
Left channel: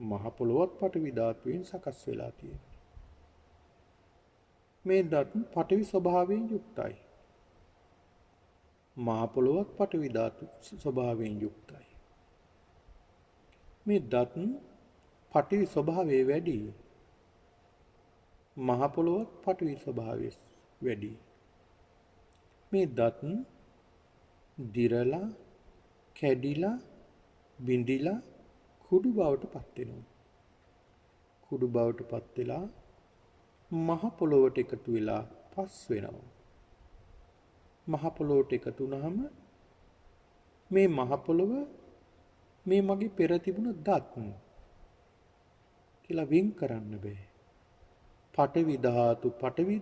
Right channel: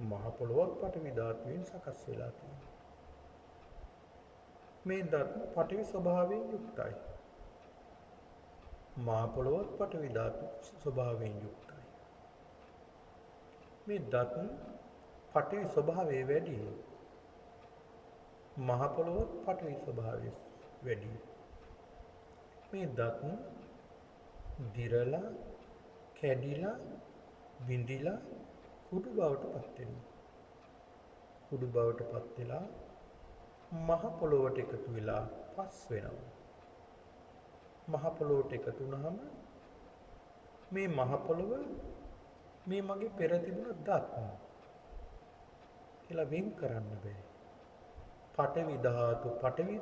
මහ පොළොවත් පඨවි ධාතුවෙන් සකස් වෙලා තියෙන්නේ. මේ දත් පඨවි ස්වභාවයෙන් යුක්තයි. මහ පොළොවත් පඨවි ධාතු ස්වභාවයෙන් යුක්තයි. මේ දත් පඨවි ස්වභාවයේ වැඩි. මහ පොළොවත් පඨවි ස්වභාවයේ වැඩි. මේ දත් දිරලා, කැඩිලා, බිඳිලා කුඩු බවට පත් වෙනවා. කුඩු බවට පත් වෙලා මහ පොළොවට එකතු වෙලා පස් වෙනවා. මහ පොළොවට එකතු වුණාම මේ මහ පොළොව මේ මගේ පෙර තිබුණ දත් කියලා වෙන් කරන්න බෑ. පඨවි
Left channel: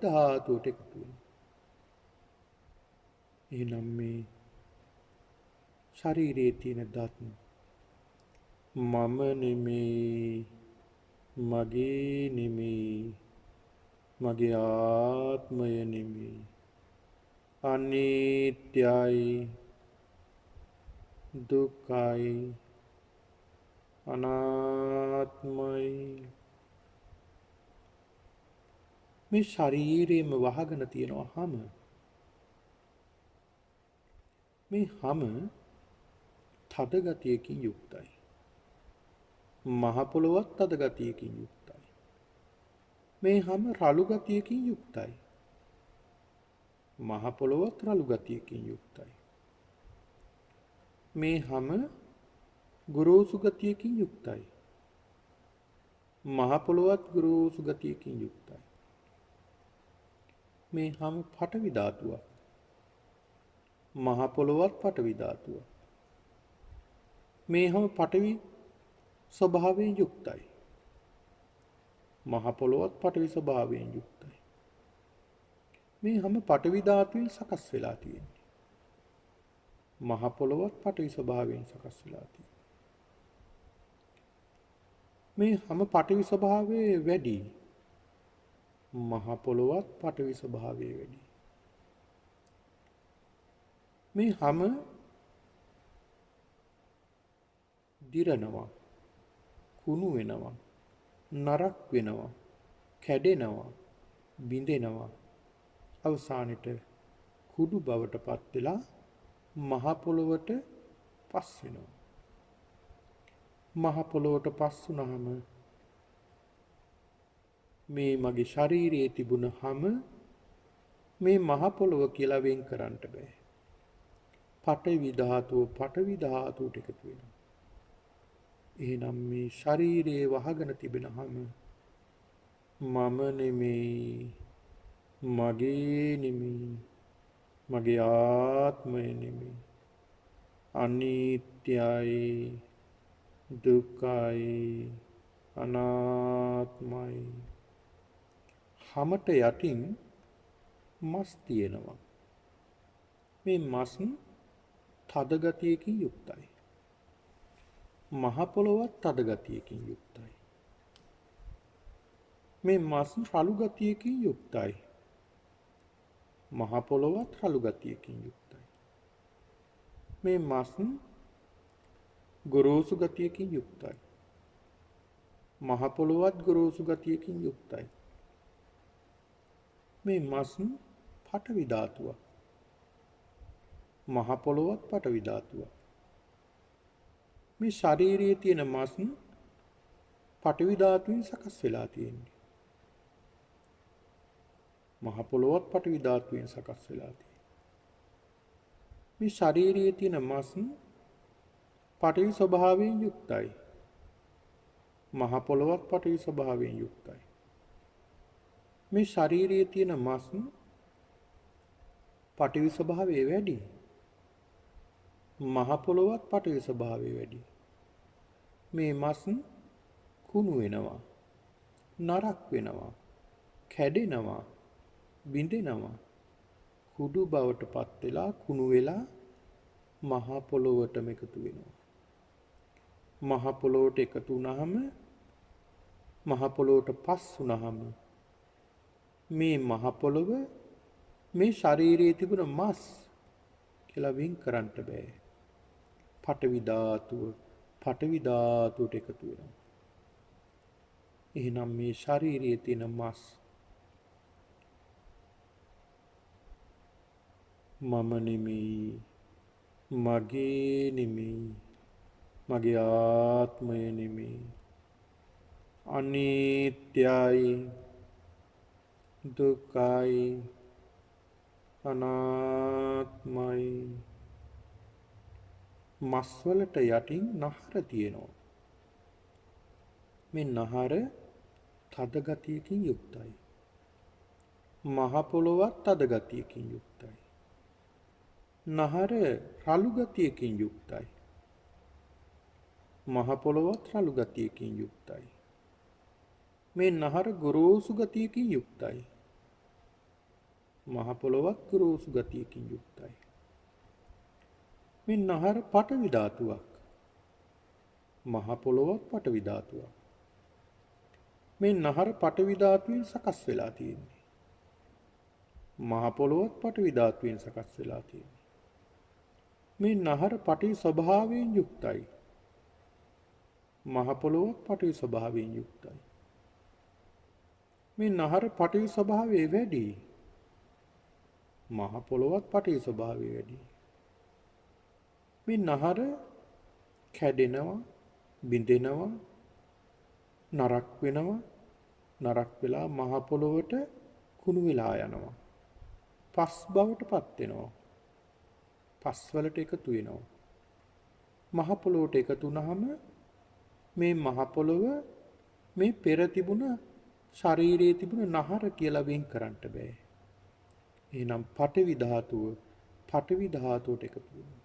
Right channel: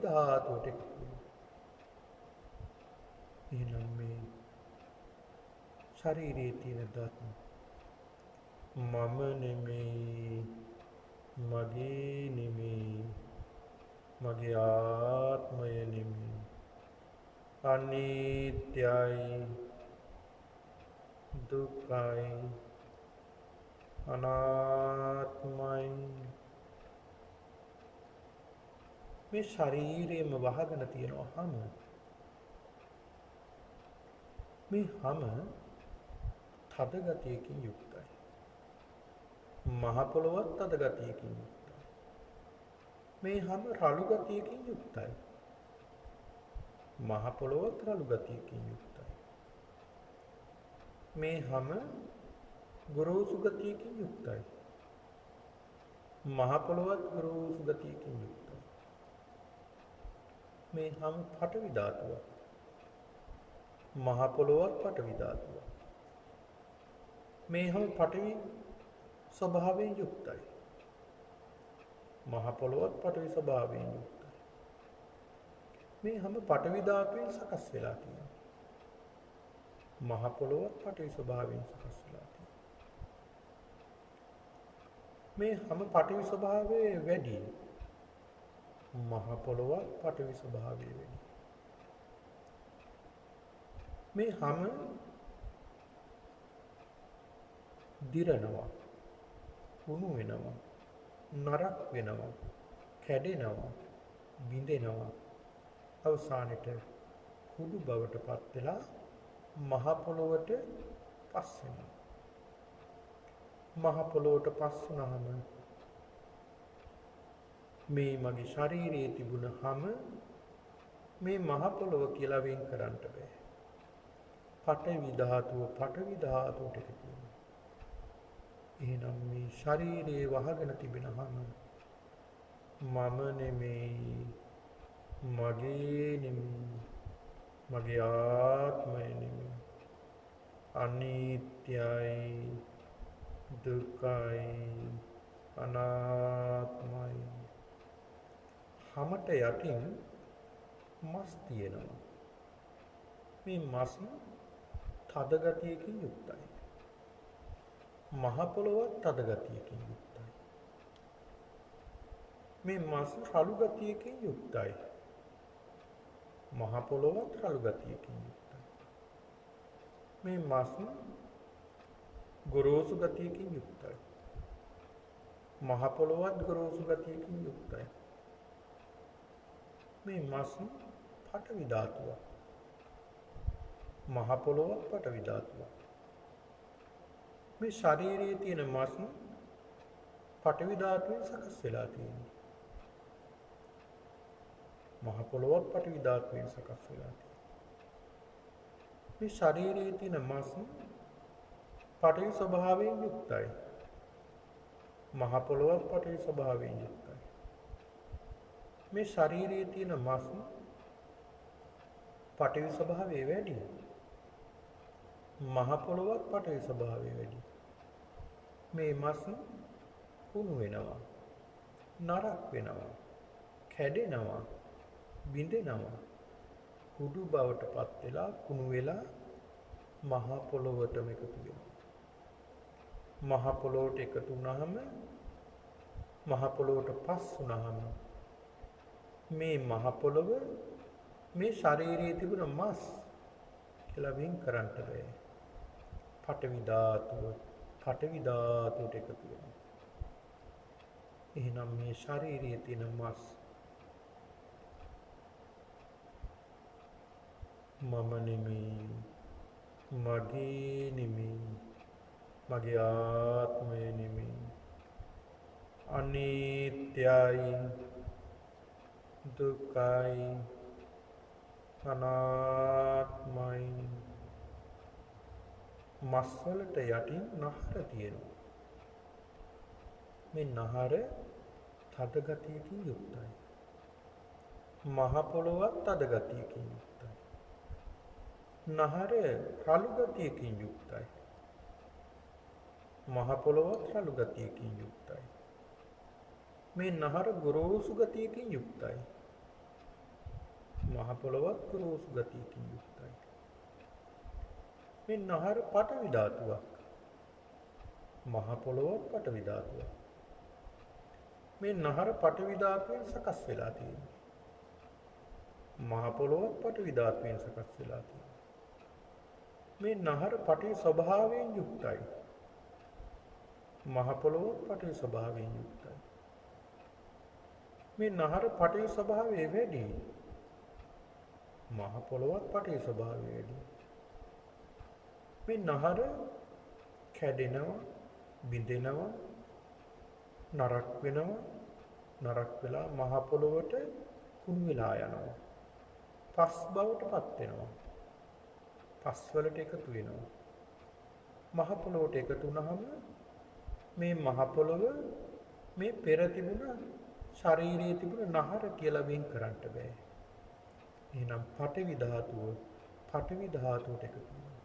ධාතුවට එකතු වෙනවා. එහෙනම් මේ ශරීරයේ තියෙන දත් මම නෙමෙයි, මගේ නෙමෙයි, මගේ ආත්මය නෙමෙයි. අනිත්‍යයි, දුක්ඛයි, අනාත්මයි. මේ ශරීරයේම වහගෙන තියෙනවා හැම. මේ හැම තද ගතියකින් යුක්තයි. මහ පොළොවත් තද ගතියකින් යුක්තයි. මේ හැම රළු ගතියකින් යුක්තයි. මහ පොළොවත් රළු ගතියකින් යුක්තයි. මේ හැම ගුරුසු ගතියකින් යුක්තයි. මහ පොළොවත් ගුරුසු ගතියකින් යුක්තයි. මේ හැම පඨවි ධාතුවක්. මහ පොළොවත් පඨවි ධාතුවක්. මේ හැම පඨවි ස්වභාවයෙන් යුක්තයි. මහ පොළොවත් පඨවි ස්වභාවයෙන් යුක්තයි. මේ හැම පඨවි ධාතුවෙන් සකස් වෙලා තියෙන්නේ. මහ පොළොවත් පඨවි ස්වභාවයෙන් සකස් වෙලා තියෙන්නේ. මේ හැම පඨවි ස්වභාවයේ වැඩි. මහ පොළොවත් පඨවි ස්වභාවයේ වැඩි. මේ හැම දිරනවා, කුණු වෙනවා, නරක් වෙනවා, කැඩෙනවා, බිඳෙනවා. අවසානෙට කුඩු බවට පත් වෙලා මහ පොළොවට පස් වෙනවා. මහ පොළොවට පස් වුණාම මේ මගේ ශරීරයේ තිබුණ හැම මේ මහ පොළොව කියලා වෙන් කරන්න බෑ. පඨවි ධාතුව පඨවි ධාතුවට එකතු වෙනවා. එහෙනම් මේ ශරීරයේ වහගෙන තිබෙන හැම මම නෙමෙයි, මගේ නෙමෙයි, මගේ ආත්මය නෙමෙයි. අනිත්‍යයි, දුක්ඛයි, අනාත්මයි. හැමට යටින් මස් තියෙනවා. මේ මස් තද ගතියකින් යුක්තයි. මහ පොළොවත් තද ගතියකින් යුක්තයි. මේ මස් රළු ගතියකින් යුක්තයි. මහ පොළොවත් රළු ගතියකින් යුක්තයි. මේ මස් ගොරෝසු ගතියකින් යුක්තයි. මහ පොළොවත් ගොරෝසු ගතියකින් යුක්තයි. මේ මස් පඨවි ධාතුවක්. මහ පොළොවත් පඨවි ධාතුවක්. මේ ශරීරයේ තියෙන මස් පඨවි ධාතුවෙන් සකස් වෙලා තියෙන්නේ. මහ පොළොවත් පඨවි ධාතුවෙන් සකස් වෙලා තියෙන්නේ. මේ ශරීරයේ තියෙන මස් පඨවි ස්වභාවයෙන් යුක්තයි. මහ පොළොවත් පඨවි ස්වභාවයෙන් යුක්තයි. මේ ශරීරයේ තියෙන මස් පඨවි ස්වභාවය වැඩි. මහ පොළොවත් පඨවි ස්වභාවය වැඩි. මේ මස් කුණු වෙනවා, නරක් වෙනවා, කැඩෙනවා, බිඳෙනවා. කුඩු බවට පත් වෙලා කුණු වෙලා මහ පොළොවටම එකතු වෙනවා. මහ පොළොවට එකතු වුණාම මහ පොළොවට පස් වුණාම මේ මහ පොළොව මේ ශරීරයේ තිබුණ මස් කියලා වෙන් කරන්න බෑ. පඨවි ධාතුවට එකතු වෙනවා. එහෙනම් මේ ශරීරයේ තියෙන මස් මම නෙමෙයි, මගේ නෙමෙයි, මගේ ආත්මය නෙමෙයි. අනිත්‍යයි, දුක්ඛයි, අනාත්මයි. මස් වලට යටින් නහර තියෙනවා. මේ නහර තද ගතියකින් යුක්තයි. මහ පොළොවත් තද ගතියකින් යුක්තයි. නහර රළු ගතියකින් යුක්තයි. මහ පොළොවත් රළු ගතියකින් යුක්තයි. මේ නහර ගොරෝසු ගතියකින් යුක්තයි. මහ පොළොවත් ගොරෝසු ගතියකින් යුක්තයි. මේ නහර පඨවි ධාතුවක්. මහ පොළොවත් පඨවි ධාතුවක්. මේ නහර පටවි ධාතුවෙන් සකස් වෙලා තියෙන්නේ. මහ පොළොවත් පටවි ධාතුවෙන් සකස් වෙලා තියෙන්නේ. මේ නහර පටවි ස්වභාවයෙන් යුක්තයි. මහ පොළොවත් පටවි ස්වභාවයෙන් යුක්තයි. මේ නහර පටවි ස්වභාවය වැඩි. මහ පොළොවත් පටවි ස්වභාවය වැඩි. මේ නහර කැඩෙනවා, බිඳෙනවා, නරක් වෙනවා, නරක් වෙලා මහ පොළොවට කුණු වෙලා යනවා. පස් බවට පත් වෙනවා. පස් වලට එකතු වෙනවා. මහ පොළොවට එකතු වුනහම මේ මහ පොළොව මේ පෙර තිබුණ ශරීරයේ තිබුණ නහර කියලා වෙන් කරන්න බෑ. එහෙනම් පඨවි ධාතුව පඨවි ධාතුවට එකතු වෙනවා.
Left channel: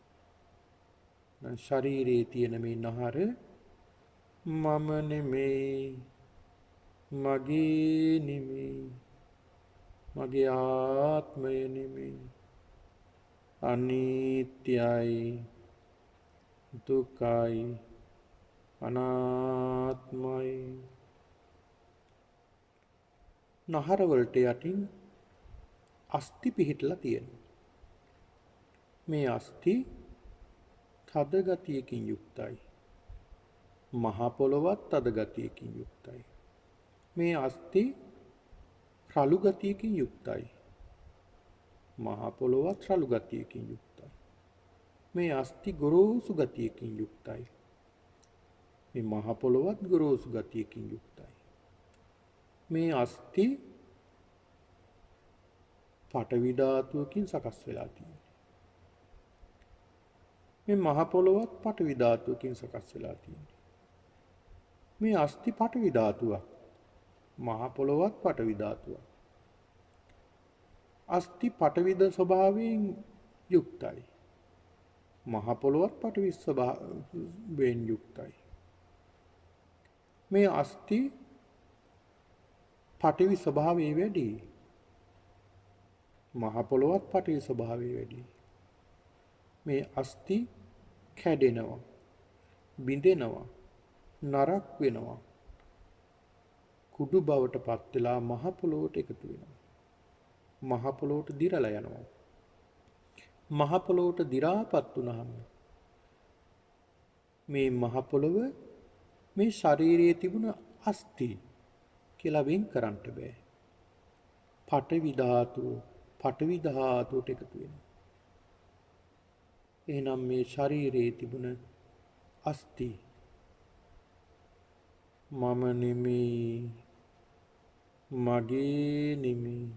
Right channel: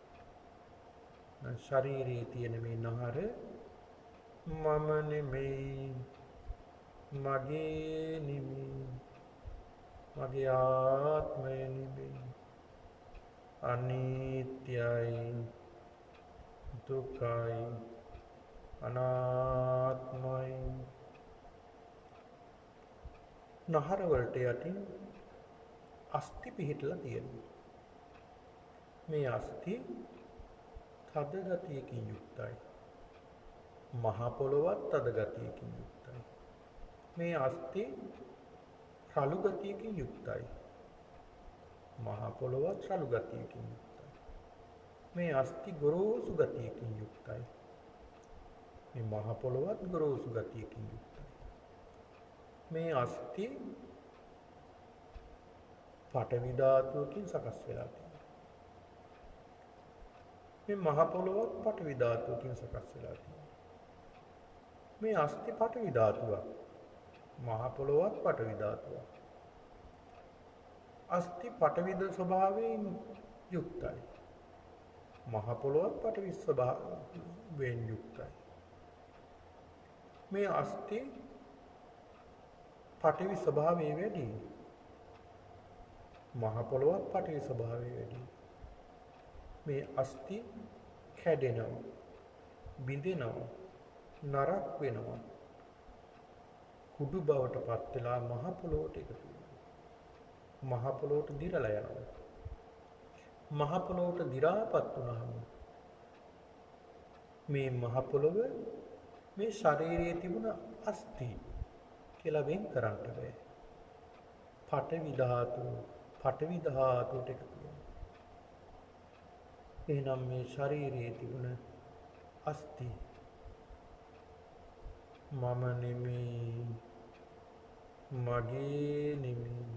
නම් ශරීරයේ තියෙන මේ නහර මම නෙමෙයි, මගේ නෙමෙයි, මගේ ආත්මය නෙමෙයි, අනිත්‍යයි, දුකයි, අනාත්මයි. නහර වලට යටින් අස්ථි පිහිටලා තියෙනවා. මේ අස්ථි තද ගතියකින් යුක්තයි. මහ පොළොවත් තද ගතියකින් යුක්තයි. මේ අස්ථි රළු ගතියකින් යුක්තයි. මහ පොළොවත් රළු ගතියකින් යුක්තයි. මේ අස්ථි ගොරෝසු ගතියකින් යුක්තයි. මේ මහ පොළොවත් ගොරෝසු ගතියකින් යුක්තයි. මේ අස්ථි පඨවි ධාතුවකින් සකස් වෙලා තියෙනවා. මේ මහ පොළොවත් පඨවි ධාතුවකින් සකස් වෙලා තියෙනවා. මේ අස්ථි පඨවි ධාතුවක්. මහ පොළොවත් පඨවි ධාතුවක්. අස්ථි පඨවිද ස්වභාවයෙන් යුක්තයි. මහ පොළොවත් පඨවි ස්වභාවයෙන් යුක්තයි. මේ අස්ථි පඨවි ස්වභාවය වැඩි. මහ පොළොවත් පඨවි ස්වභාවය වැඩි. මේ අස්ථි කැඩෙනවා, බිඳෙනවා, නරක් වෙනවා. කුඩු බවට පත් වෙලා මහ පොළොවට එකතු වෙනවා. මහ පොළොවට දිරලා යනවා. මහ පොළොවට දිරාපත් වුනහම මේ මහ පොළොව මේ ශරීරයේ තිබුණ අස්ථි කියලා වෙන් කරන්න බෑ. පඨවි ධාතුවට එකතු වෙනවා. එහෙනම් මේ ශරීරයේ තිබුණ අස්ථි මම නෙමෙයි, මගේ නෙමෙයි,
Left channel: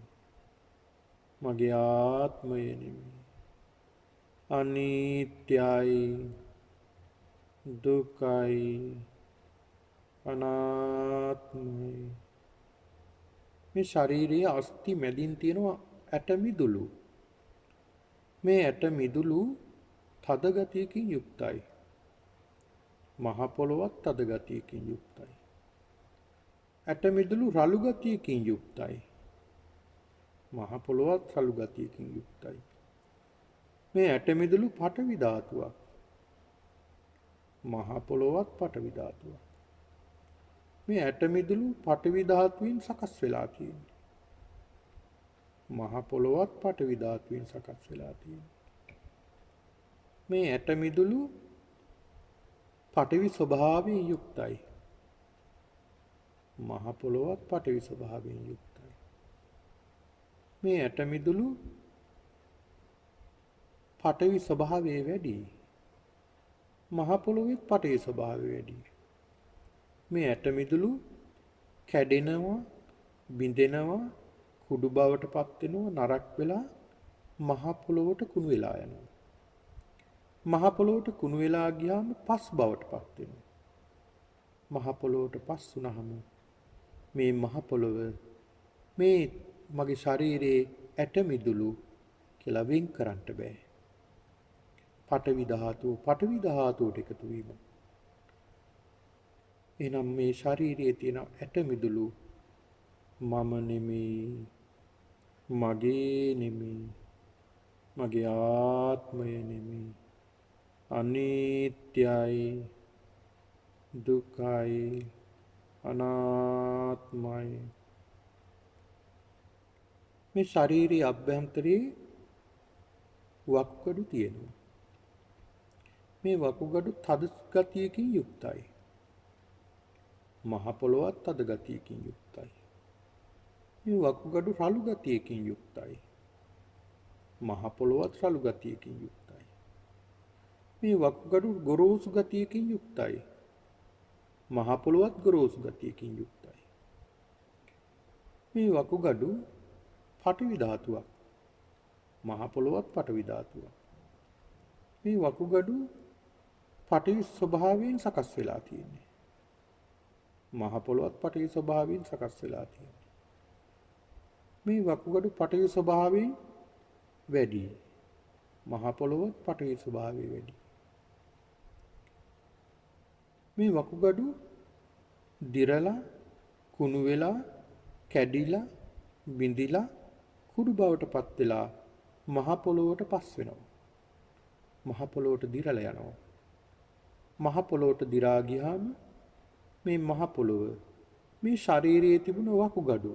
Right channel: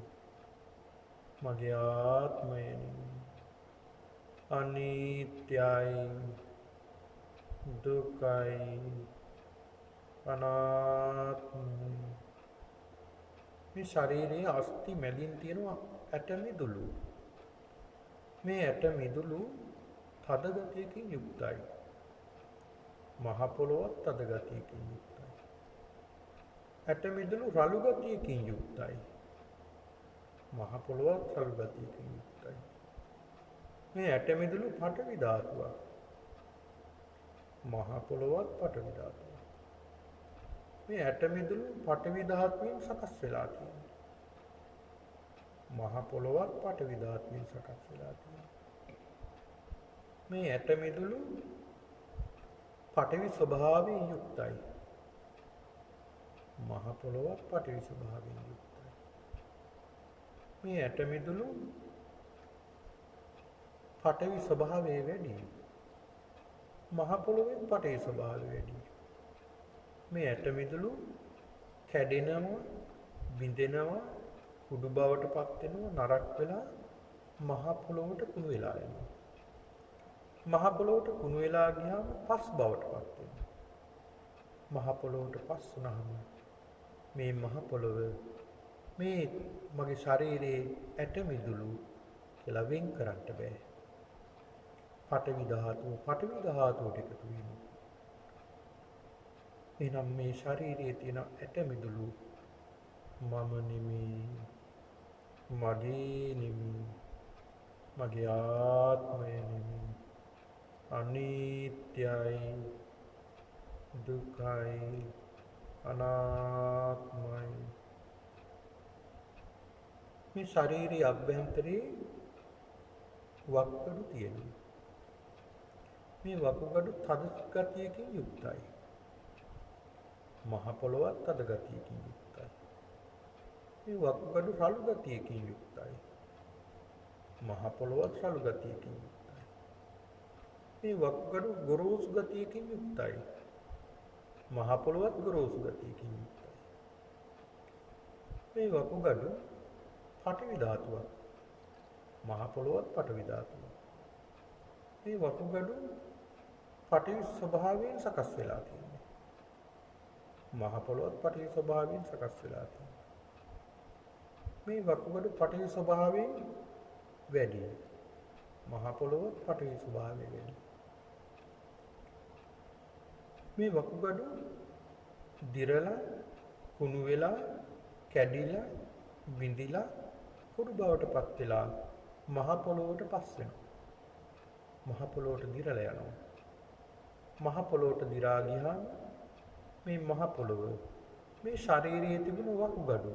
මගේ ආත්මය නෙමෙයි, අනිත්‍යයි, දුකයි, අනාත්මයි. මේ ශරීරයේ අස්ථි මැදින් තියෙනවා ඇට මිදුළු. මේ ඇට මිදුළු තද ගතියකින් යුක්තයි. මහ පොළොවත් තද ගතියකින් යුක්තයි. ඇට මිදුළු රළු ගතියකින් යුක්තයි. මහ පොළොවත් රළු ගතියකින් යුක්තයි. මේ ඇට මිදුළු පඨවි ධාතුවක්. මහ පොළොවත් පඨවි ධාතුවක්. මේ ඇට මිදුළු පඨවි ධාතුවෙන් සකස් වෙලා තියෙනවා. මහ පොළොවත් පඨවි ධාතුවෙන් සකස් වෙලා තියෙනවා. මේ ඇට මිදුළු පඨවි ස්වභාවයෙන් යුක්තයි. මහ පොළොවත් පඨවි ස්වභාවයෙන් යුක්තයි. මේ ඇට මිදුළු පඨවි ස්වභාවය වැඩි. මහ පොළොවේත් පඨවි ස්වභාවය වැඩි. මේ ඇට මිදුළු කැඩෙනවා, බිඳෙනවා, කුඩු බවට පත් වෙනවා, නරක් වෙලා මහ පොළොවට කුණු වෙලා යනවා. මහ පොළොවට කුණු වෙලා ගියාම පස් බවට පත් වෙනවා. මහ පොළොවට පස් වුනහම මේ මහ පොළොව මේ මගේ ශරීරයේ ඇට මිදුළු කියලා වෙන් කරන්න බෑ. පඨවි ධාතුවට එකතු වීම. එහෙනම් මේ ශරීරයේ තියෙන ඇට මිදුළු මම නෙමෙයි, මගේ නෙමෙයි, මගේ ආත්මය නෙමෙයි, අනිත්‍යයි, දුකයි, අනාත්මයි. මේ ශරීරයේ අභ්‍යන්තරයේ වකුගඩු තියෙනවා. මේ වකුගඩු තද ගතියකින් යුක්තයි. මහ පොළොවත් තද ගතියකින් යුක්තයි. මේ වකුගඩු රළු ගතියකින් යුක්තයි. මහ පොළොවත් රළු ගතියකින් යුක්තයි. මේ වකුගඩු ගොරෝසු ගතියකින් යුක්තයි. මහ පොළොවත් ගොරෝසු ගතියකින් යුක්තයි. මේ වකුගඩු පඨවි ධාතුවක්. මහ පොළොවත් පඨවි ධාතුවක්. මේ වකුගඩු පඨවි ස්වභාවයෙන් සකස් වෙලා තියෙන්නේ. මහ පොළොවත් පඨවි ස්වභාවයෙන් සකස් වෙලා තියෙන්නේ. මේ වකුගඩු පඨවි ස්වභාවයෙන් වැඩි. මහ පොළොවත් පඨවි ස්වභාවය වැඩි. මේ වකුගඩු දිරලා කුණු වෙලා කැඩිලා බිඳිලා කුඩු බවට පත් වෙලා මහ පොළොවට පස් වෙනවා. මහ පොළොවට දිරලා යනවා. මහ පොළොවට දිරා ගියාම මේ මහ පොළොව මේ ශරීරයේ තිබුණ වකුගඩු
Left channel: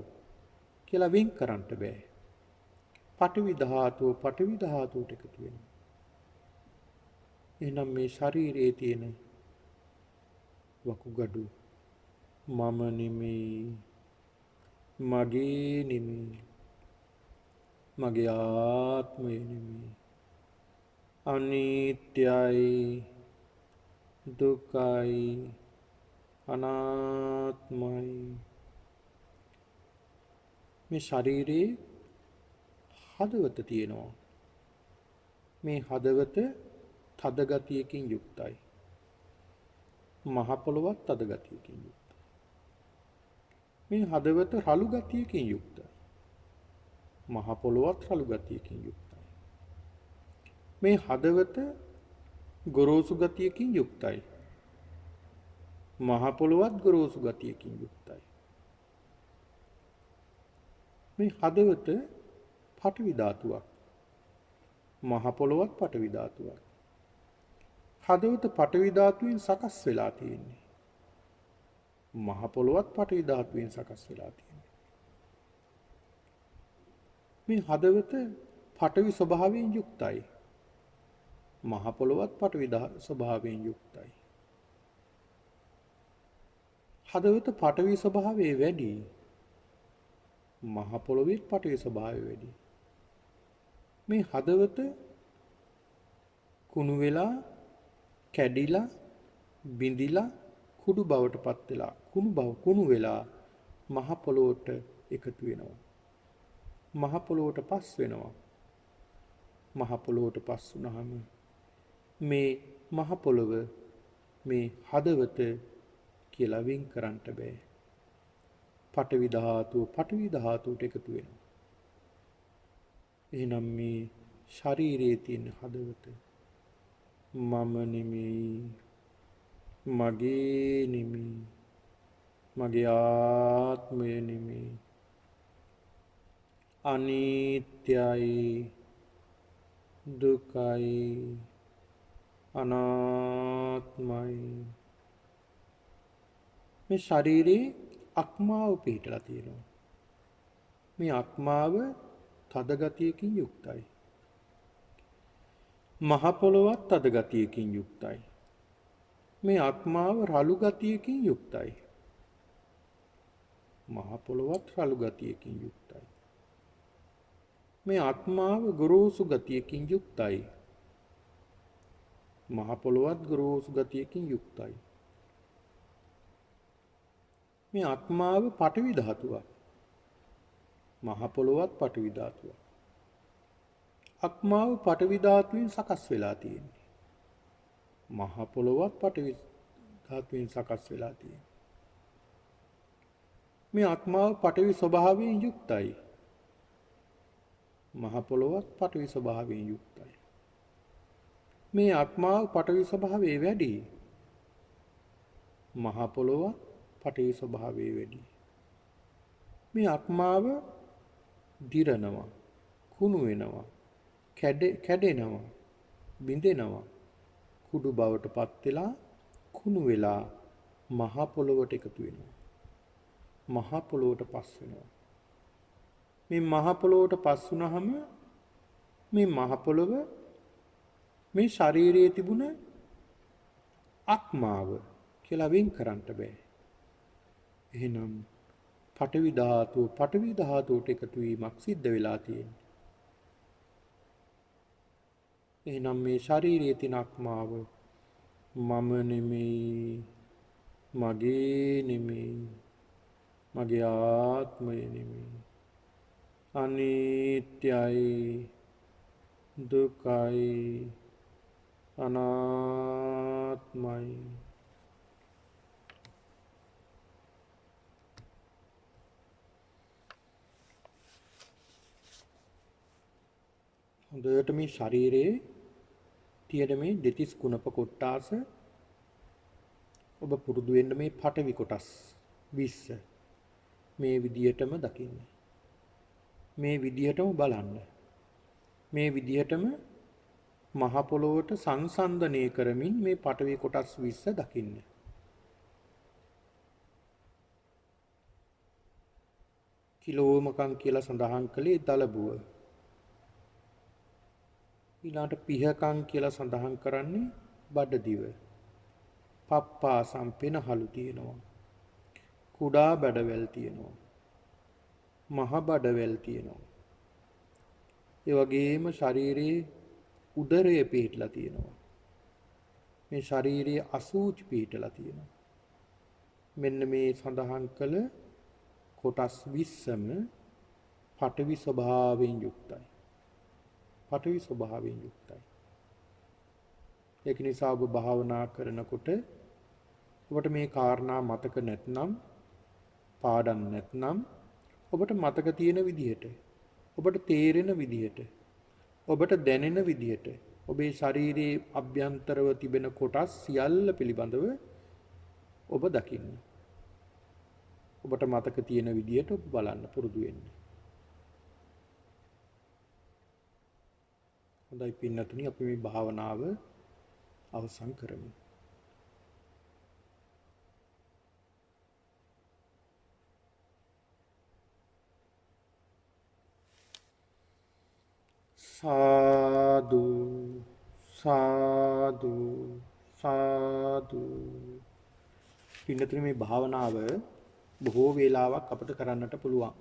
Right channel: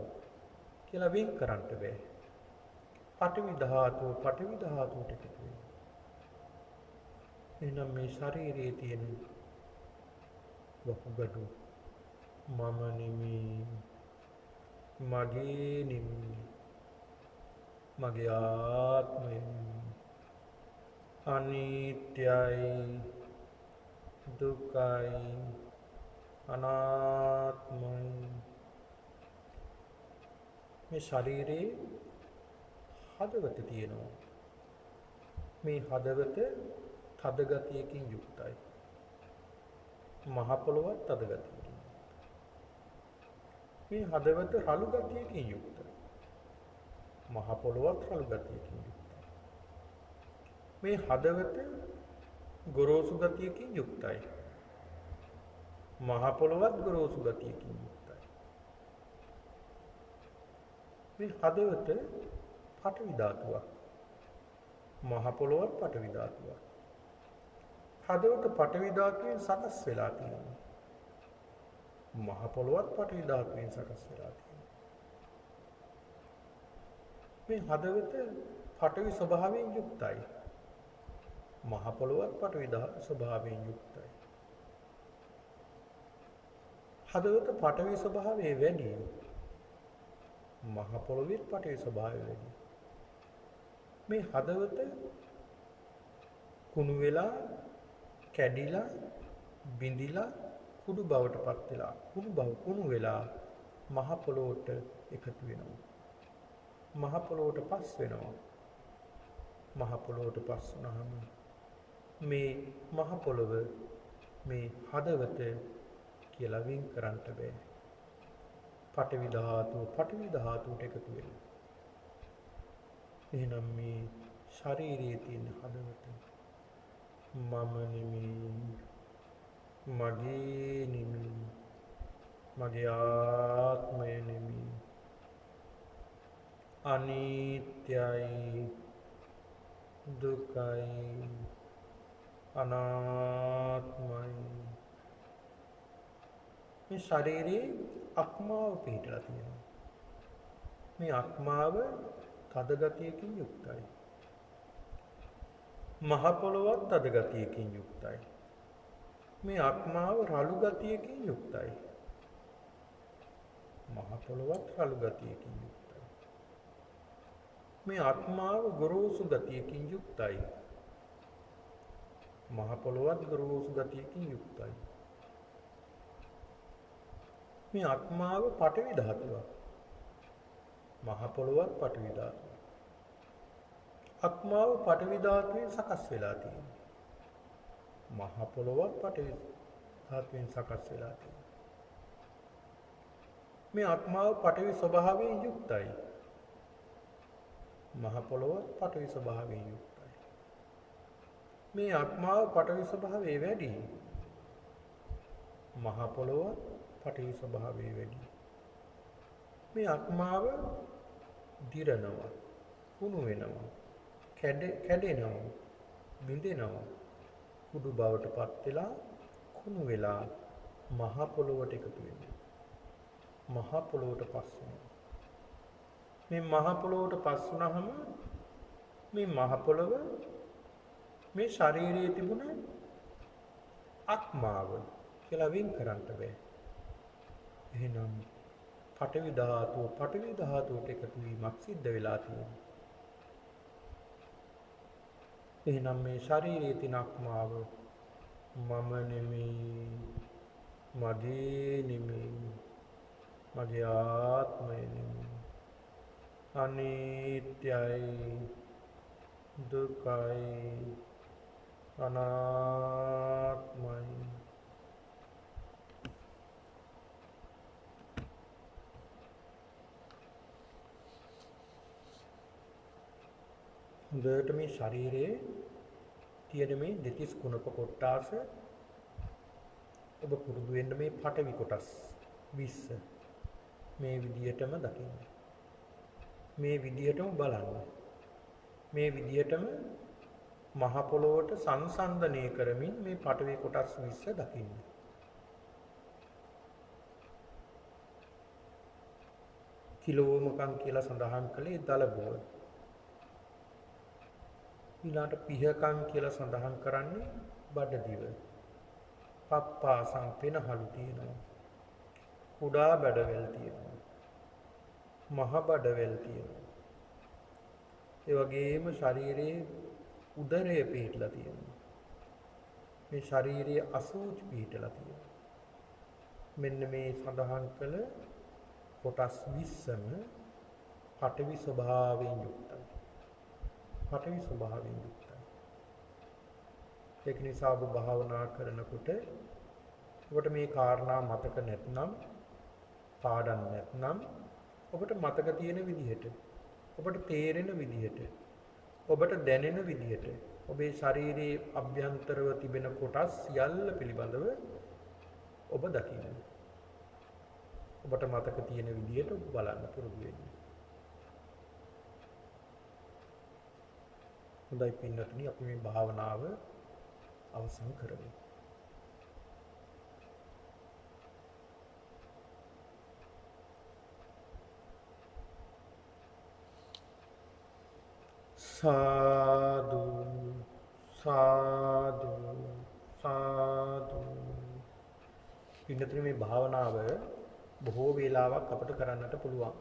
කියලා වෙන් කරන්න බෑ. පඨවි ධාතුවට එකතු වෙනවා. එහෙනම් මේ ශරීරයේ තියෙන වකුගඩු මම නෙමෙයි, මගේ නෙමෙයි, මගේ ආත්මය නෙමෙයි. අනිත්‍යයි, දුකයි, අනාත්මයි. මේ ශරීරයේ හදවත තියෙනවා. මේ හදවත තද ගතියකින් යුක්තයි. මහ පොළොවත් තද ගතියකින් යුක්තයි. මේ හදවත රළු ගතියකින් යුක්තයි. මහ පොළොවත් රළු ගතියකින් යුක්තයි. මේ හදවත ගොරෝසු ගතියකින් යුක්තයි. මහ පොළොවත් ගොරෝසු ගතියකින් යුක්තයි. මේ හදවත පඨවි ධාතුවක්. මහ පොළොවත් පඨවි ධාතුවක්. හදවත පඨවි ධාතුවෙන් සකස් වෙලා තියෙන්නේ. මහ පොළොවත් පඨවි ධාතුවෙන් සකස් වෙලා තියෙන්නේ. මේ හදවත පඨවි ස්වභාවයෙන් යුක්තයි. මහ පොළොවත් පඨවි ස්වභාවයෙන් යුක්තයි. හදවත පඨවි ස්වභාවයේ වැඩි. මහ පොළොවේ පඨවි ස්වභාවය වැඩි. මේ හදවත කුණු වෙලා කැඩිලා බිඳිලා කුඩු බවට පත් වෙලා කුණු වෙලා මහ පොළොවට එකතු වෙනවා. මහ පොළොවට පස් වෙනවා. මහ පොළොවට පස් වුණාම මේ මහ පොළොව මේ හදවත කියලා වෙන් කරන්න බෑ. පඨවි ධාතුවට එකතු වෙනවා. එහෙනම් මේ ශරීරයේ තියෙන හදවත මම නෙමෙයි, මගේ නෙමෙයි, මගේ ආත්මය නෙමෙයි. අනිත්‍යයි, දුකයි, අනාත්මයි. මේ ශරීරයේ අක්මාව පිහිටලා තියෙනවා. මේ අක්මාව තද ගතියකින් යුක්තයි. මහ පොළොවත් තද ගතියකින් යුක්තයි. මේ අක්මාව රළු ගතියකින් යුක්තයි. මහ පොළොවත් රළු ගතියකින් යුක්තයි. මේ ආත්මාව ගොරෝසු ගතියකින් යුක්තයි. මහ පොළොවත් ගොරෝසු ගතියකින් යුක්තයි. මේ ආත්මාව පඨවි ධාතුවක්. මහ පොළොවත් පඨවි ධාතුවක්. ආත්මාව පඨවි ධාතුවෙන් සකස් වෙලා තියෙන්නේ. මහ පොළොවත් පඨවි ධාතුවෙන් සකස් වෙලා තියෙන්නේ. මේ ආත්මාව පඨවි ස්වභාවයෙන් යුක්තයි. මහ පොළොවත් පඨවි ස්වභාවයෙන් යුක්තයි. මේ ආත්මාව පඨවි ස්වභාවයේ වැඩි. මහ පොළොවත් පඨවි ස්වභාවයේ වැඩි. මේ ආත්මාව දිරනවා, කුණු වෙනවා, කැඩෙනවා, බිඳෙනවා. කුඩු බවට පත් වෙලා කුණු වෙලා මහ පොළොවට එකතු වෙනවා. මහ පොළොවට පස් වෙනවා. මේ මහ පොළොවට පස් වුණාම මේ මහ පොළොව මේ ශරීරයේ තිබුණ ආත්මාව කියලා වෙන් කරන්න බෑ. එහෙනම් පඨවි ධාතුවට එකතු වීමක් සිද්ධ වෙලා තියෙනවා. එහෙනම් මේ ශරීරයේ තියෙන ආත්මාව මම නෙමෙයි, මගේ නෙමෙයි, මගේ ආත්මය නෙමෙයි, අනිත්‍යයි, දුකයි, අනාත්මයි. හොඳට මේ ශරීරයේ තියෙන මේ දෙතිස් කුණප කොටාස ඔබ පුරුදු වෙන්න මේ පඨවි කොටස් 20 මේ විදියටම දකින්න. මේ විදියටම බලන්න. මේ විදියටම මහ පොළොවට සංසන්දනය කරමින් මේ පඨවි කොටස් 20 දකින්න. කිලෝමකම් කියලා සඳහන් කළේ දලබුව. ඊළාට පිහකම් කියලා සඳහන් කරන්නේ බඩදිව. පප්පාසම් පෙනහළු තියෙනවා. කුඩා බඩවැල් තියෙනවා. මහ බඩවැල් තියෙනවා. ඒ වගේම ශරීරයේ උදරය පිහිටලා තියෙනවා. මේ ශරීරයේ අසූචි පිහිටලා තියෙනවා. මෙන්න මේ සඳහන් කළ කොටස් 20ම පඨවි ස්වභාවයෙන් යුක්තයි. පඨවි ස්වභාවයෙන් යුක්තයි. ඒක නිසා ඔබ භාවනා කරනකොට ඔබට මේ කාරණා මතක නැත්නම්, පාඩම් නැත්නම් ඔබට මතක තියෙන විදිහට, ඔබට තේරෙන විදිහට, ඔබට දැනෙන විදිහට ඔබේ ශරීරයේ අභ්‍යන්තරව තිබෙන කොටස් සියල්ල පිළිබඳව ඔබ දකින්න. ඔබට මතක තියෙන විදිහට ඔබ බලන්න පුරුදු වෙන්න. හොඳයි පින්නතුනි, අපි මේ භාවනාව අවසන් කරමු. සාදු සාදු සාදු. පින්නතුනි, මේ භාවනාව බොහෝ වේලාවක් අපිට කරන්නට පුළුවන්.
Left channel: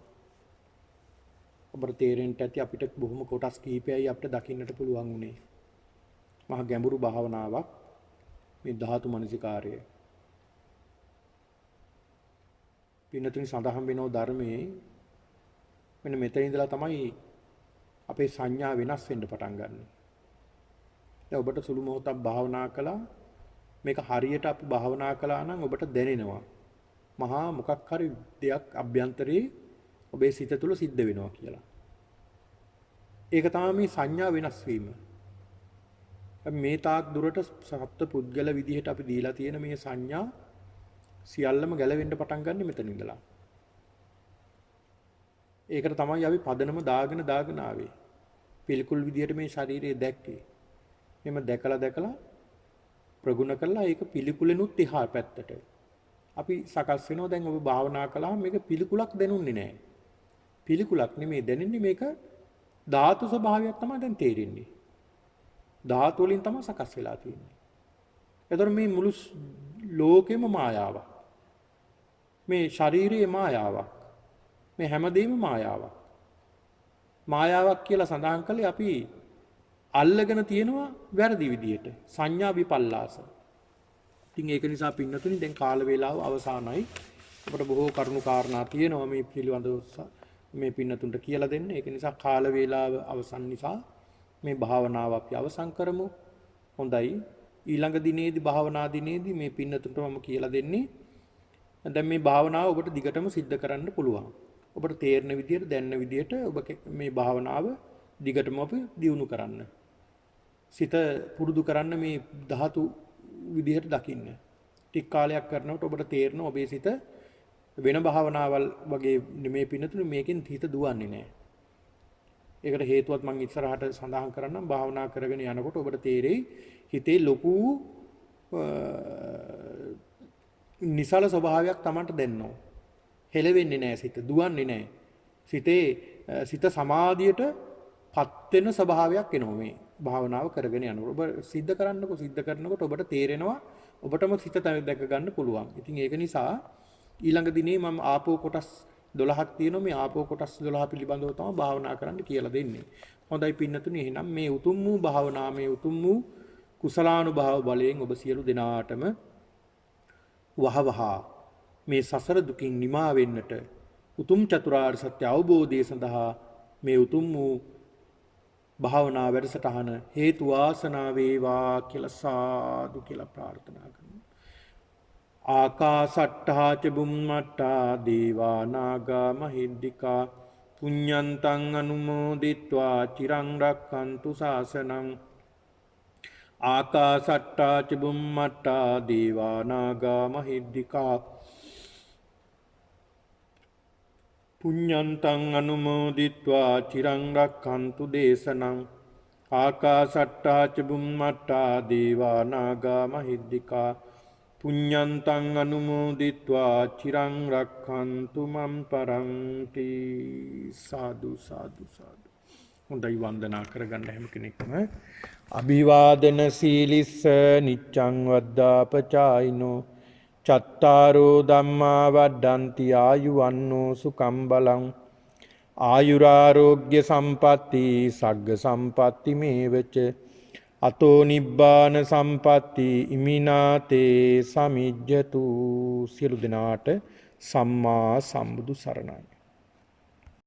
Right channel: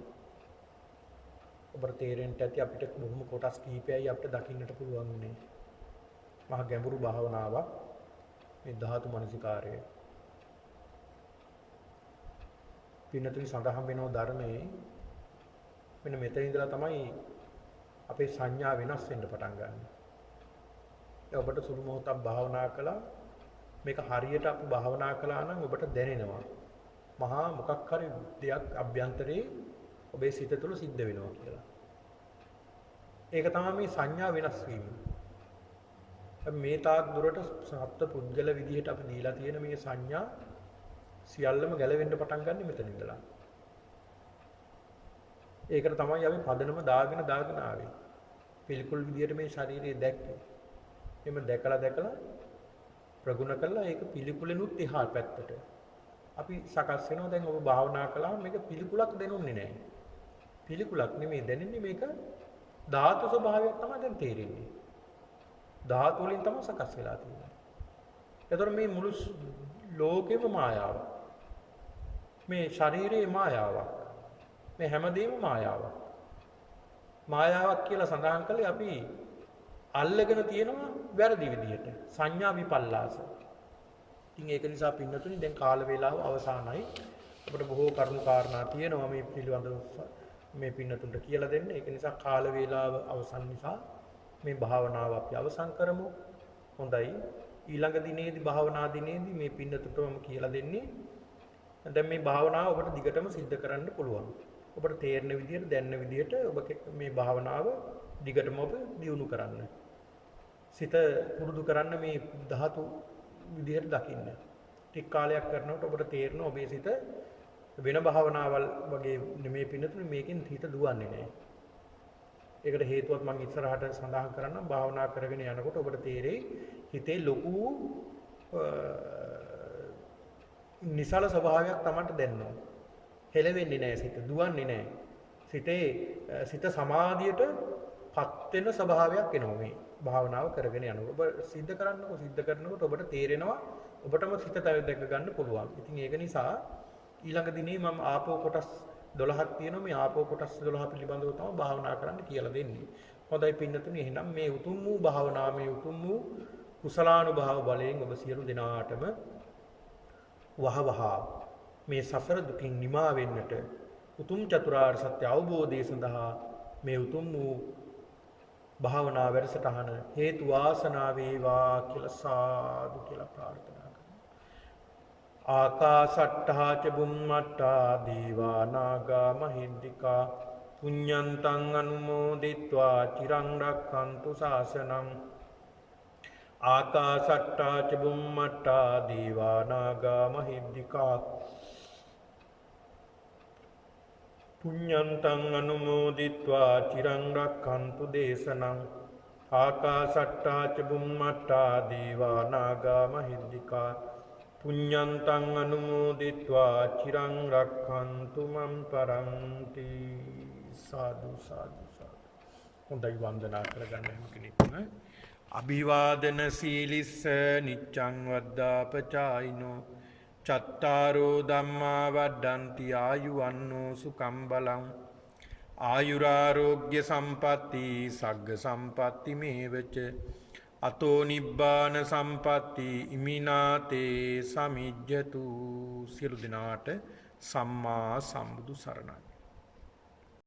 ඔබට තේරෙන්න ඇති අපිට බොහොම කොටස් කිහිපයයි අපිට දකින්නට පුළුවන් උනේ. මහා ගැඹුරු භාවනාවක් මේ ධාතු මනසිකාරය. පින්නතුනි, සඳහන් වෙනෝ ධර්මයේ මෙන්න මෙතන ඉඳලා තමයි අපේ සංඥා වෙනස් වෙන්න පටන් ගන්න. දැන් ඔබට සුළු මොහොතක් භාවනා කළා, මේක හරියට අපි භාවනා කළා නම් ඔබට දැනෙනවා මහා මොකක් හරි දෙයක් අභ්‍යන්තරේ ඔබේ සිත තුළ සිද්ධ වෙනවා කියලා. ඒක තමයි මේ සංඥා වෙනස් වීම. මේ තාක් දුරට සත්ත්ව පුද්ගල විදිහට අපි දීලා තියෙන මේ සංඥා සියල්ලම ගැලවෙන්න පටන් ගන්න මෙතන ඉඳලා. ඒකට තමයි අපි පදනම දාගෙන ආවේ. පිළිකුල් විදිහට මේ ශරීරය දැක්කේ. එimhe දැකලා ප්‍රගුණ කළා ඒක පිළිකුලෙනුත් එහා පැත්තට. අපි සකස් වෙනවා. දැන් ඔබ භාවනා කළාම මේක පිළිකුලක් දැනුන්නේ නැහැ. පිළිකුලක් නෙමෙයි දැනෙන්නේ, මේක ධාතු ස්වභාවයක් තමයි දැන් තේරෙන්නේ. ධාතු වලින් තමයි සකස් වෙලා තියෙන්නේ. එතකොට මේ මුළු ලෝකෙම මායාවක්. මේ ශරීරයේ මායාවක්. මේ හැමදේම මායාවක්. මායාවක් කියලා සඳහන් කළේ අපි අල්ලගෙන තියෙනවා වැරදි විදියට. සංඥා විපල්ලාස. ඉතින් ඒක නිසා පින්නතුනි, දැන් කාල වේලාව අවසానයි. අපිට බොහෝ කරුණු කාරණා තියෙනවා මේ පිළිබඳව මේ පින්නතුන්ට කියලා දෙන්න. ඒක නිසා කාල වේලාව අවසන් නිසා මේ භාවනාව අපි අවසන් කරමු. හොඳයි. ඊළඟ දිනේදී භාවනා දිනේදී මේ පින්නතුන්ට මම කියලා දෙන්නේ. දැන් මේ භාවනාව ඔබට දිගටම සිද්ධ කරන්න පුළුවන්. ඔබට තේරෙන විදියට, දැනෙන විදියට ඔබ මේ භාවනාව දිගටම අපි දියුණු කරන්න. සිත පුරුදු කරන්න මේ ධාතු විදිහට දකින්න. ටික කාලයක් කරනකොට ඔබට තේරෙනවා ඔබේ සිත වෙන භාවනාවල් වගේ නෙමෙයි පින්නතුනේ, මේකෙන් හිත දුවන්නේ නැහැ. ඒකට හේතුවත් මම ඉස්සරහට සඳහන් කරන්නම්. භාවනා කරගෙන යනකොට ඔබට තේරෙයි හිතේ ලොකු නිසල ස්වභාවයක් Tamanට දැනෙනවා. හෙලවෙන්නේ නැහැ සිත. දුවන්නේ නැහැ. සිත සමාධියට පත් වෙන ස්වභාවයක් එනවා මේ භාවනාව කරගෙන යනකොට. ඔබ සිද්ධ කරනකොට ඔබට තේරෙනවා ඔබටම සිත දැක ගන්න පුළුවන්. ඉතින් ඒක නිසා ඊළඟ දිනේ මම ආපෝ කොටස් 12ක් තියෙනවා. මේ ආපෝ කොටස් 12 පිළිබඳව තමයි භාවනා කරන්න කියලා දෙන්නේ. හොඳයි පින්නතුනි, එහෙනම් මේ උතුම් වූ භාවනා, මේ උතුම් වූ කුසලානුභාව බලයෙන් ඔබ සියලු දෙනාටම වහවහ මේ සසර දුකින් නිමා වෙන්නට, උතුම් චතුරාර්ය සත්‍ය අවබෝධය සඳහා මේ උතුම් වූ භාවනා වැඩසටහන හේතු වාසනා වේවා කියලා සාදු කියලා ප්‍රාර්ථනා කරනවා. ආකාසට්ඨා ච බුම්මට්ඨා දේවා නාග මහිද්దికා පුඤ්ඤන්තං අනුමෝදිත්වා චිරං රක්ඛන්තු ශාසනං. ආකාසට්ඨා ච බුම්මට්ඨා දේවා නාග මහිද්దికා පුඤ්ඤන්තං අනුමෝදිත්වා චිරං රක්ඛන්තු දේශනං. ආකාසට්ඨා ච බුම්මට්ඨා දේවා නාග මහිද්దికා පුඤ්ඤන්තං අනුමෝදිත්වා චිරං රක්ඛන්තු මම් පරන්ති. සාදු සාදු සාදු. හොඳයි, වන්දනා කරගන්න හැම කෙනෙක්ම. අභිවාදන සීලිස්ස නිච්ඡං වද්දාපචායිනෝ චත්තාරෝ ධම්මා වඩ්ඩන්ති ආයුවන්නෝ සුඛං බලං. ආයුරාරෝග්‍ය සම්පatti සග්ග සම්පatti මේවච අතෝ නිබ්බාන සම්පatti ඉමිනාතේ සමිජ්ජතු. සියලු දෙනාට සම්මා සම්බුදු සරණයි.